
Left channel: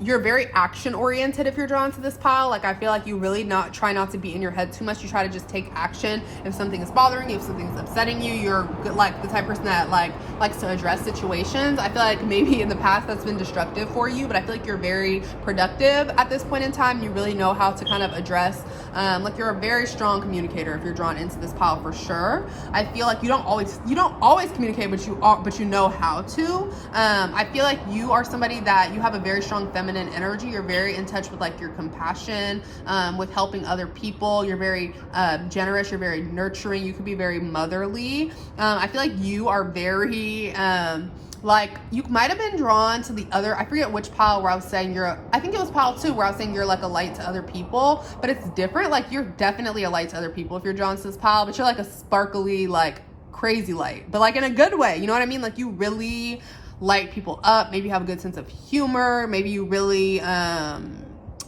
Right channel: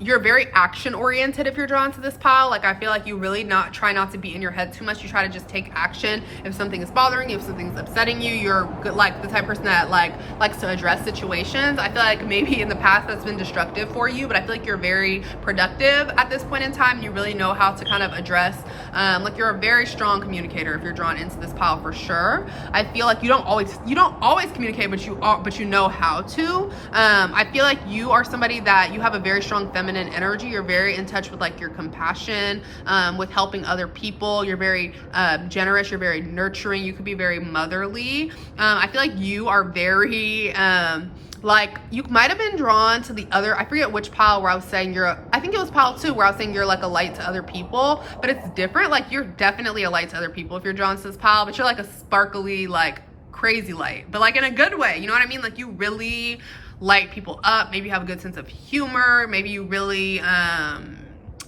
you're very action oriented if you're drawn to this pile. Like, I feel like you really try not to be in your head too much. You try to just take action if something is bothering you, if something's upsetting you. You're good, like the type of person that likes to address situations. I feel like maybe in the past that's been destructive for you, but I feel like you're very productive at this point in time. You really know how to kind of address, like, you're a very strong communicator if you're drawn into this pile, for sure. I feel like you don't always communicate, but you know how to. I feel like you are somebody that you have a very strong feminine energy. You're very in touch with like your compassion, with helping other people. You're very generous. You're very nurturing. You could be very motherly. I feel like you are very like, you might have been drawn to the other, I forget which pile, where I was saying I think it was pile 2, where I was saying you're like a light to other people, but it's different. Like, you're definitely a light to other people if you're drawn to this pile, but you're like a sparkly, like, crazy light, but like in a good way. You know what I mean? Like, you really light people up. Maybe you have a good sense of humor. Maybe you really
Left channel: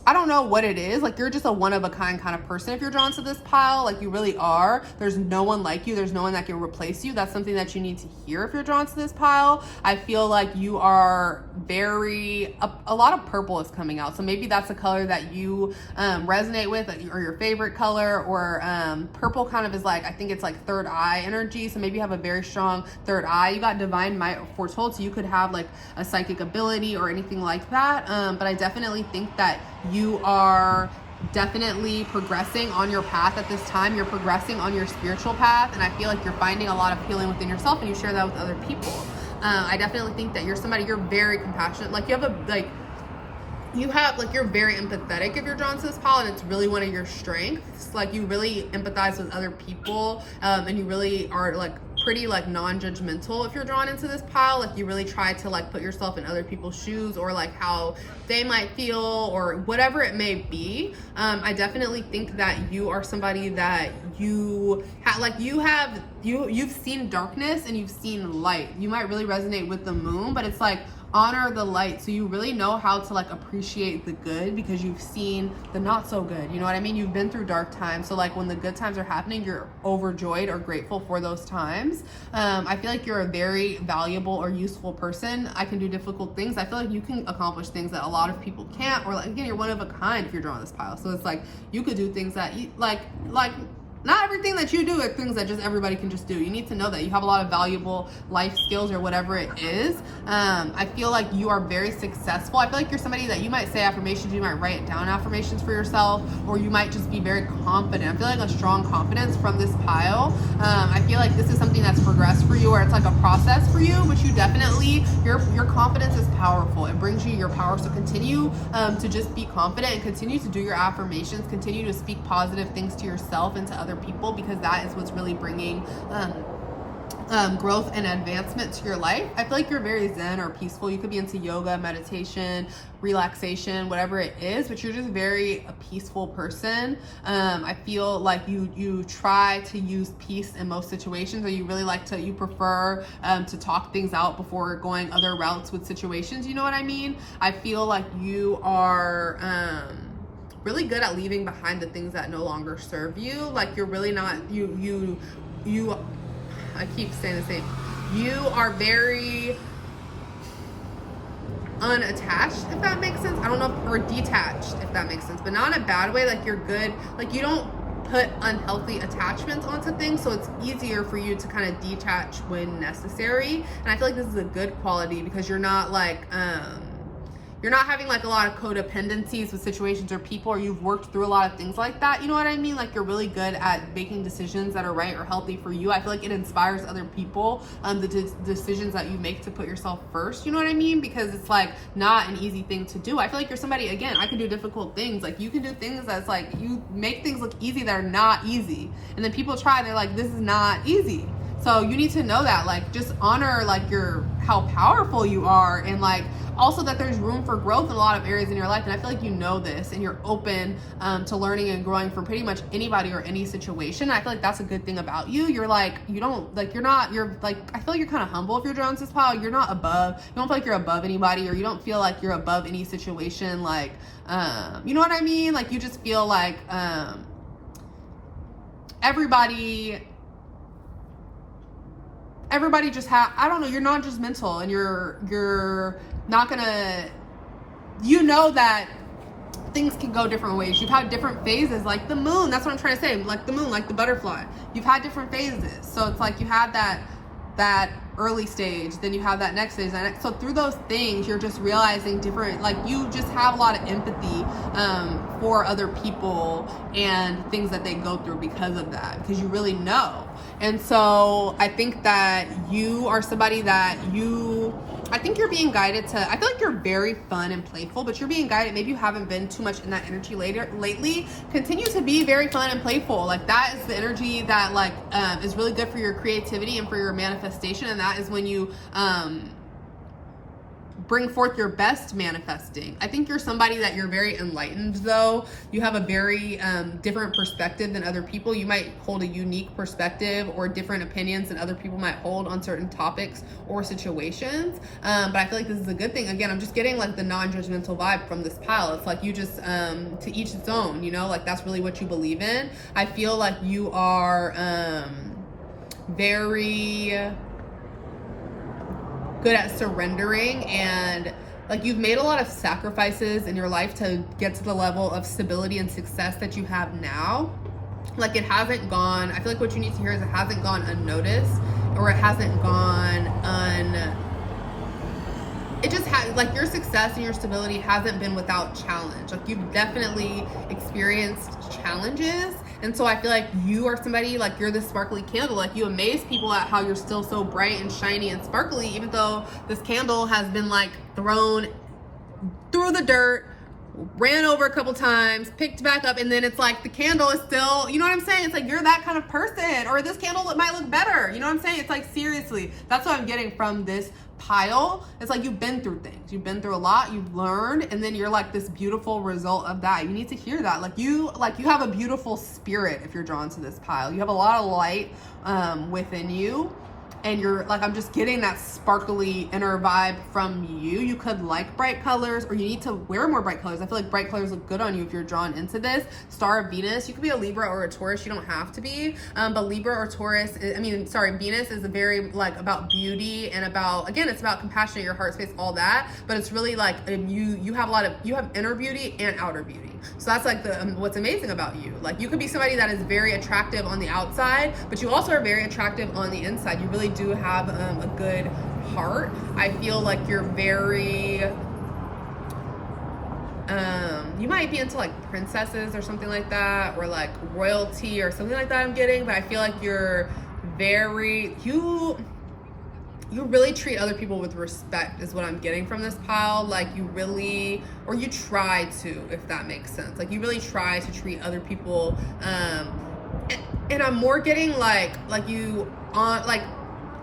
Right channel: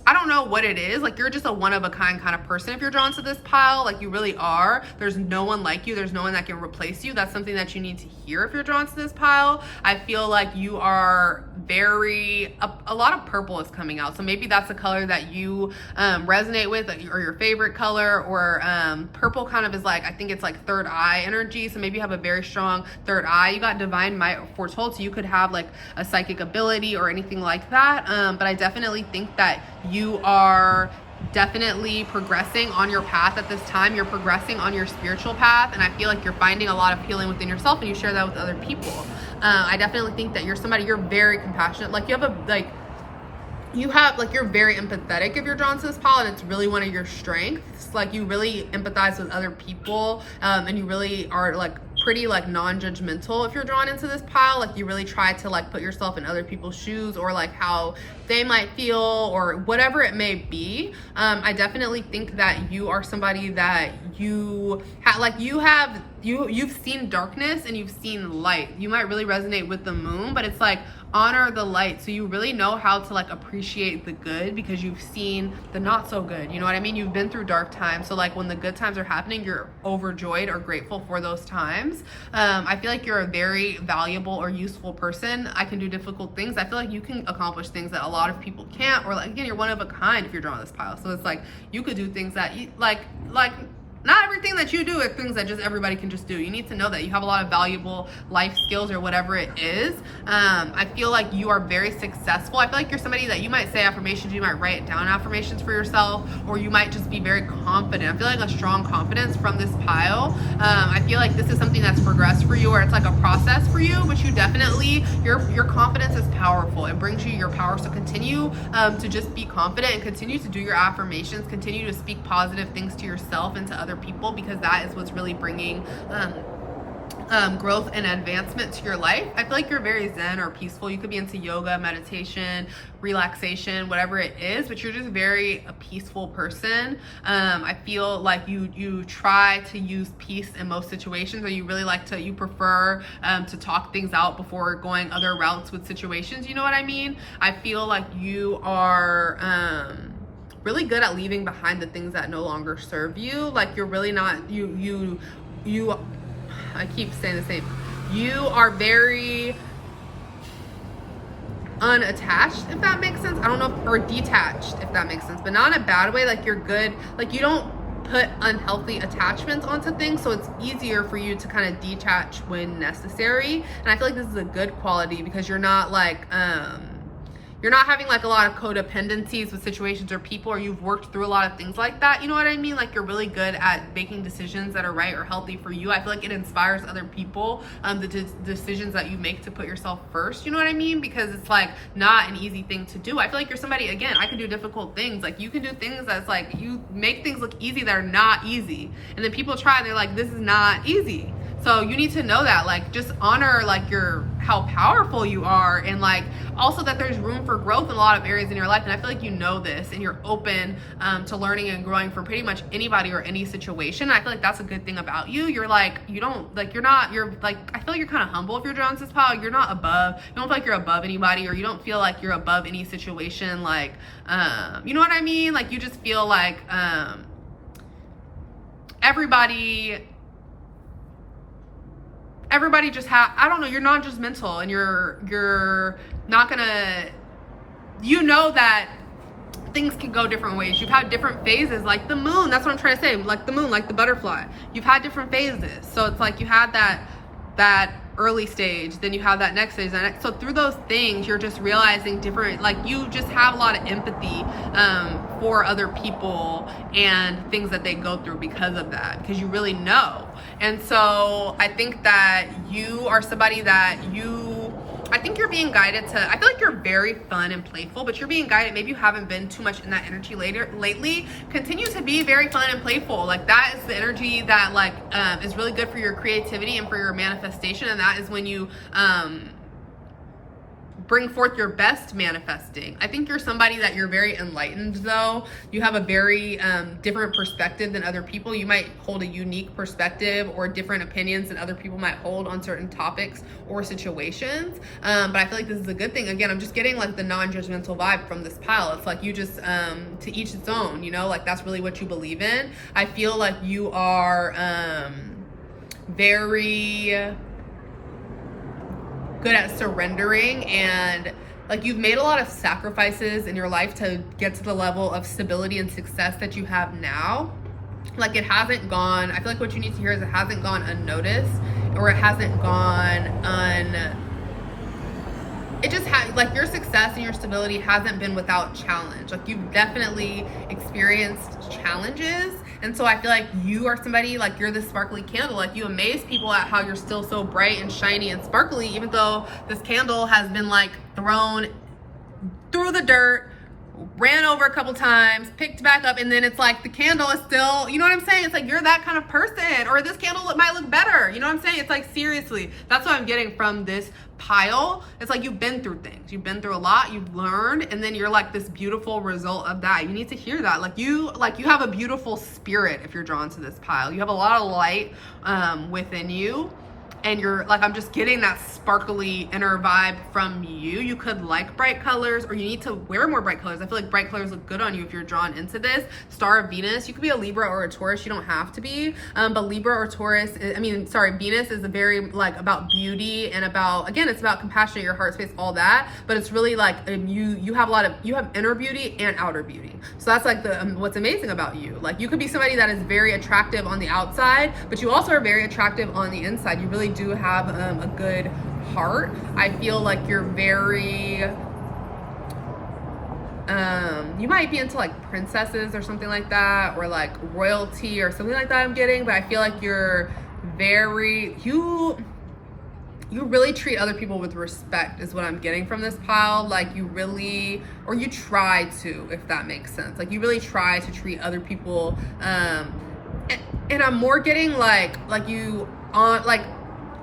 I don't know what it is. Like, you're just a one-of-a-kind kind of person if you're drawn to this pile. Like, you really are. There's no one like you. There's no one that can replace you. That's something that you need to hear if you're drawn to this pile. I feel like you are very, a lot of purple is coming out. So maybe that's a color that you resonate with, or your favorite color, or purple kind of is like, I think it's like third eye energy. So maybe you have a very strong third eye. You got divine might foretold, so you could have like a psychic ability or anything like that. But I definitely think that you are definitely progressing on your path at this time. You're progressing on your spiritual path, and I feel like you're finding a lot of healing within yourself, and you share that with other people. I definitely think that you're very compassionate. Like, you're very empathetic if you're drawn to this pile, and it's really one of your strengths. Like, you really empathize with other people, and you really are like pretty like non-judgmental if you're drawn into this pile. Like, you really try to like put yourself in other people's shoes, or like how they might feel, or whatever it may be. I definitely think that you are somebody that you've seen darkness and you've seen light. You might really resonate with the moon, but it's like, honor the light. So you really know how to like appreciate the good because you've seen the not so good. You know what I mean? You've been through dark times. So like, when the good times are happening, you're overjoyed or grateful for those times. I feel like you're a very valuable or useful person. I can do difficult things. I feel like you can accomplish things that a lot of people can't, or like, again, you're one of a kind if you're drawn this pile. So it's like, you could do things that you like not everything that you do are things that just everybody can just do. You need to know that you have a lot of valuable life skills or whatever it is. I feel like you are very successful. I feel like you're somebody that you might say affirmations, you might write down affirmations for yourself, or you might just be very confident. I feel like a strong confidence from this pile. I feel like this is something that's progressed for you, or it's like a process for you, but you definitely, your confidence is powerful. It brings you your power. So continue to just be confident and continue to do your affirmations, continue to speak positive things to yourself and to other people, because that is what's really bringing growth and advancement to your life. I feel like you're very zen or peaceful. You could be into yoga, meditation, relaxation, whatever it is, but you're just very a peaceful person. I feel like you try to use peace in most situations, or you really like to, you prefer to talk things out before going other routes with situations. You know what I mean? I feel like you are really good at leaving behind the things that no longer serve you. Like you're really not, I keep saying the same. You are very unattached, if that makes sense. I don't know, or detached, if that makes sense, but not in a bad way. Like you're good, like you don't put unhealthy attachments onto things, so it's easier for you to kind of detach when necessary. And I feel like this is a good quality, because you're not like, you're not having like a lot of codependencies with situations or people, or you've worked through a lot of things like that. You know what I mean? Like you're really good at making decisions that are right or healthy for you. I feel like it inspires other people, the decisions that you make to put yourself first. You know what I mean? Because it's like not an easy thing to do. I feel like you're somebody, again, I can do difficult things. Like you can do things that's like, you make things look easy that are not easy. And then people try, they're like, this is not easy. So you need to know that, like, just honor like how powerful you are, and like also that there's room for growth in a lot of areas in your life. And I feel like you know this, and you're open to learning and growing from pretty much anybody or any situation. I feel like that's a good thing about you. You're like, you don't like, you're like, I feel like you're kind of humble if you're drawn to this pile. You're not above, you don't feel like you're above anybody, or you don't feel like you're above any situation. Like, you know what I mean? Like you just feel like everybody just I don't know, you're non-judgmental, and you're not gonna, you know that things can go different ways. You've had different phases, like the moon, that's what I'm trying to say, like the moon, like the butterfly. You've had different phases. So it's like you had that early stage, then you have that next stage, so through those things you're just realizing different, like you just have a lot of empathy for other people and things that they go through because of that, because you really know. And so I think that you are somebody that I think you're being guided to, I feel like you're very fun and playful, but you're being guided, maybe you haven't been too much in that energy lately. Continue to be very fun and playful. Like that is the energy that like is really good for your creativity and for your manifestation, and that is when you bring forth your best manifesting. I think you're somebody that you're very enlightened though. You have a very different perspective than other people. You might hold a unique perspective or different opinions than other people might hold on certain topics or situations. But I feel like this is a good thing. Again, I'm just getting like the non-judgmental vibe from this pile. It's like you just, to each its own, you know, like that's really what you believe in. I feel like you are very good at surrendering, and like you've made a lot of sacrifices in your life to get to the level of stability and success that you have now. Like it hasn't gone, I feel like what you need to hear is it hasn't gone unnoticed, or it hasn't gone it just has, like your success and your stability hasn't been without challenge. Like you've definitely experienced challenges. And so I feel like you are somebody, like you're the sparkly candle. Like you amaze people at how you're still so bright and shiny and sparkly, even though this candle has been like thrown through the dirt, ran over a couple times, picked back up, and then it's like the candle is still, you know what I'm saying? It's like you're that kind of person, or this candle might look better. You know what I'm saying? It's like seriously, that's what I'm getting from this pile. It's like you've been through things, you've been through a lot, you've learned, and then you're like this beautiful result of that. You need to hear that. Like you have a beautiful spirit if you're drawn to this pile. You have a lot of light within you. and you're like, I'm just getting that sparkly inner vibe from you. You could like bright colors, or you need to wear more bright colors. I feel like bright colors look good on you if you're drawn into this. Star of Venus, you could be a Libra or a Taurus, you don't have to be, but Libra or Taurus, Venus is a very like about beauty and about, again, it's about compassion, your heart space, all that, but it's really like you have inner beauty and outer beauty. So that's like what's amazing about you. Like you could be somebody that is very attractive on the outside, but you also are very attractive on the inside. You really do have a good heart. I feel like you're very you might be into like princesses or something like that, or like royalty or something like that I'm getting, but I feel like you're very, you really treat other people with respect is what I'm getting from this pile. Like you really, or you try to, if that makes sense. Like you really try to treat other people, and I'm more getting like you on like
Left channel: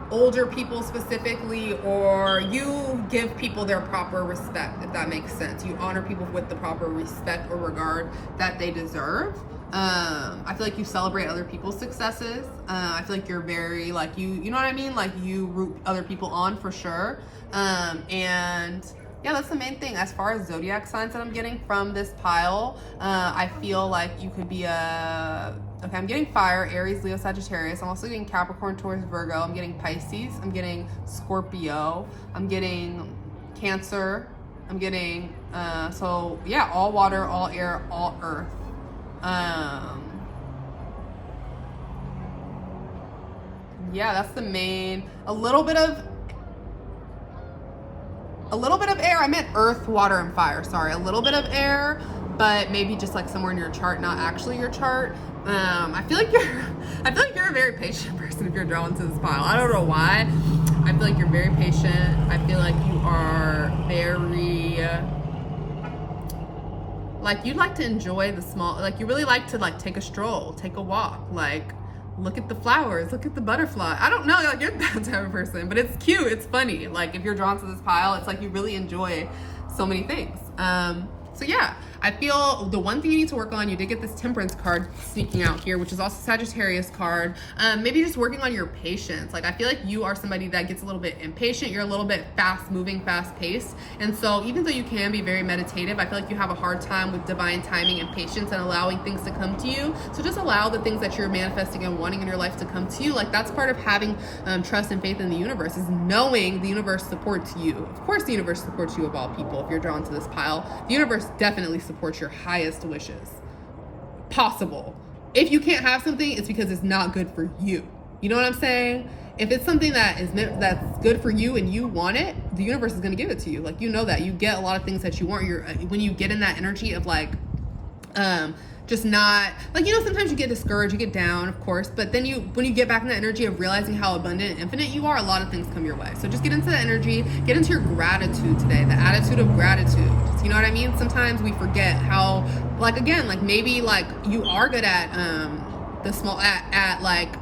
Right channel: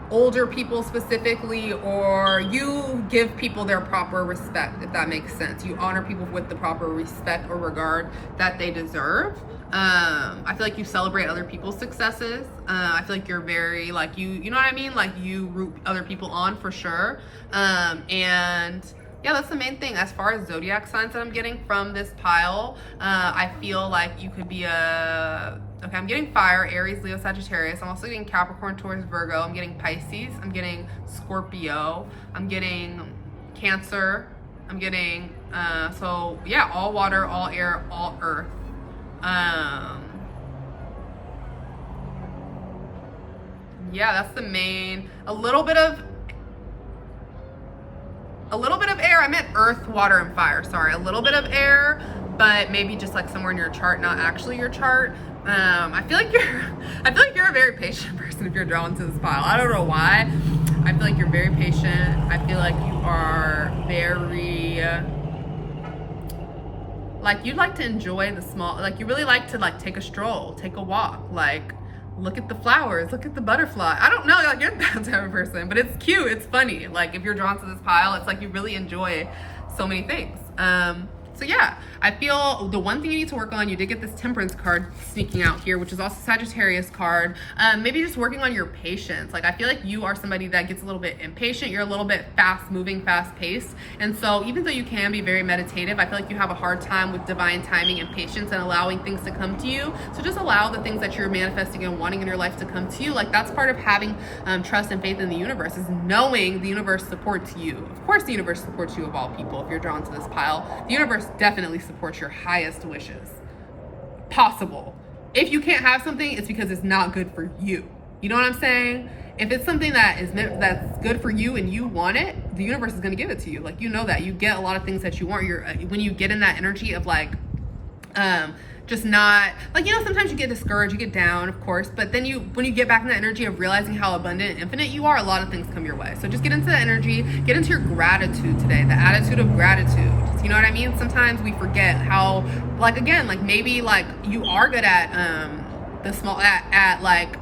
older people specifically, or you give people their proper respect, if that makes sense. You honor people with the proper respect or regard that they deserve. I feel like you celebrate other people's successes. I feel like you're very like you know what I mean? Like you root other people on for sure. And yeah, that's the main thing. As far as zodiac signs that I'm getting from this pile, I feel like you could be I'm getting fire, Aries, Leo, Sagittarius. I'm also getting Capricorn, Taurus, Virgo. I'm getting Pisces. I'm getting Scorpio. I'm getting Cancer. I'm getting, so yeah, all water, all air, all earth. Yeah, that's the main, a little bit of air. I meant earth, water, and fire. Sorry, a little bit of air, but maybe just like somewhere in your chart, not actually your chart. I feel like you're a very patient person if you're drawn to this pile. I don't know why. I feel like you're very patient. I feel like you are very, like you like to enjoy the small, like you really like to like take a stroll, take a walk, like look at the flowers, look at the butterfly. I don't know, like you're that type of person, but it's cute, it's funny. Like if you're drawn to this pile, it's like you really enjoy so many things. So yeah, I feel the one thing you need to work on, you did get this Temperance card sneaking out here, which is also Sagittarius card. Maybe just working on your patience. Like I feel like you are somebody that gets a little bit impatient. You're a little bit fast moving, fast paced. And so even though you can be very meditative, I feel like you have a hard time with divine timing and patience and allowing things to come to you. So just allow the things that you're manifesting and wanting in your life to come to you. Like that's part of having trust and faith in the universe, is knowing the universe supports you. Of course the universe supports you of all people if you're drawn to this pile. The universe definitely supports your highest wishes possible. If you can't have something, it's because it's not good for you. You know what I'm saying? If it's something that is meant, that's good for you and you want it, the universe is going to give it to you. Like, you know that you get a lot of things that you want. When you get in that energy of like just not like, you know, sometimes you get discouraged, you get down, of course, but then when you get back in the energy of realizing how abundant and infinite you are, a lot of things come your way. So just get into the energy, get into your gratitude today, the attitude of gratitude. You know what I mean? Sometimes we forget how, like, again, like maybe like you are good at the small, at like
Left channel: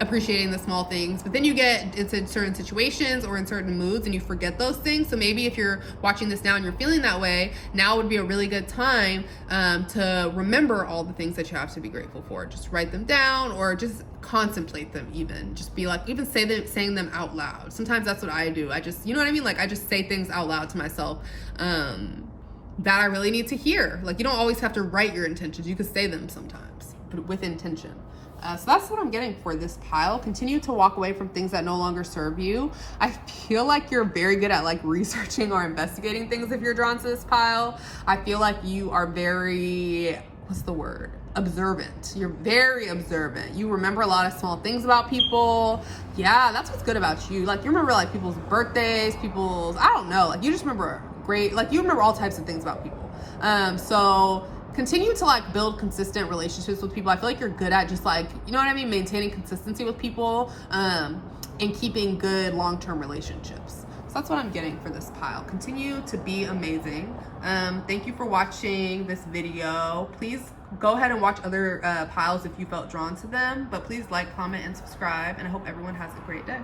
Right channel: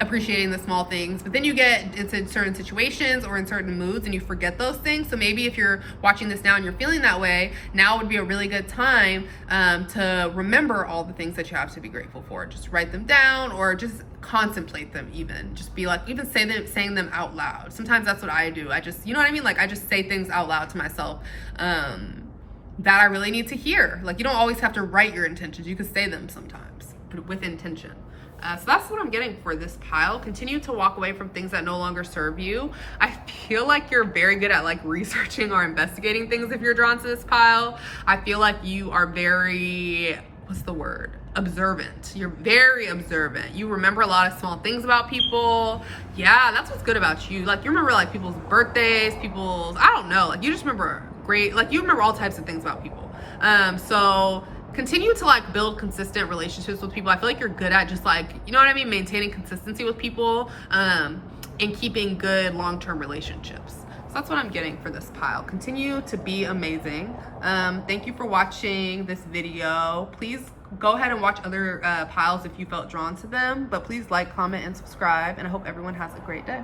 appreciating the small things, but then you get into certain situations or in certain moods and you forget those things. So maybe if you're watching this now and you're feeling that way, now would be a really good time to remember all the things that you have to be grateful for. Just write them down or just contemplate them, even just be like, even saying them out loud. Sometimes that's what I do. I just, you know what I mean? Like I just say things out loud to myself that I really need to hear. Like you don't always have to write your intentions. You could say them sometimes, but with intention. So that's what I'm getting for this pile. Continue to walk away from things that no longer serve you. I feel like you're very good at like researching or investigating things if you're drawn to this pile. I feel like you are very, what's the word? Observant. You're very observant. You remember a lot of small things about people. Yeah, that's what's good about you. Like you remember like people's birthdays, I don't know, like you just remember you remember all types of things about people. So continue to like build consistent relationships with people. I feel like you're good at just like, you know what I mean, maintaining consistency with people and keeping good long-term relationships. So that's what I'm getting for this pile. Continue to be amazing. Thank you for watching this video. Please go ahead and watch other piles if you felt drawn to them, but please like, comment, and subscribe, and I hope everyone has a great day.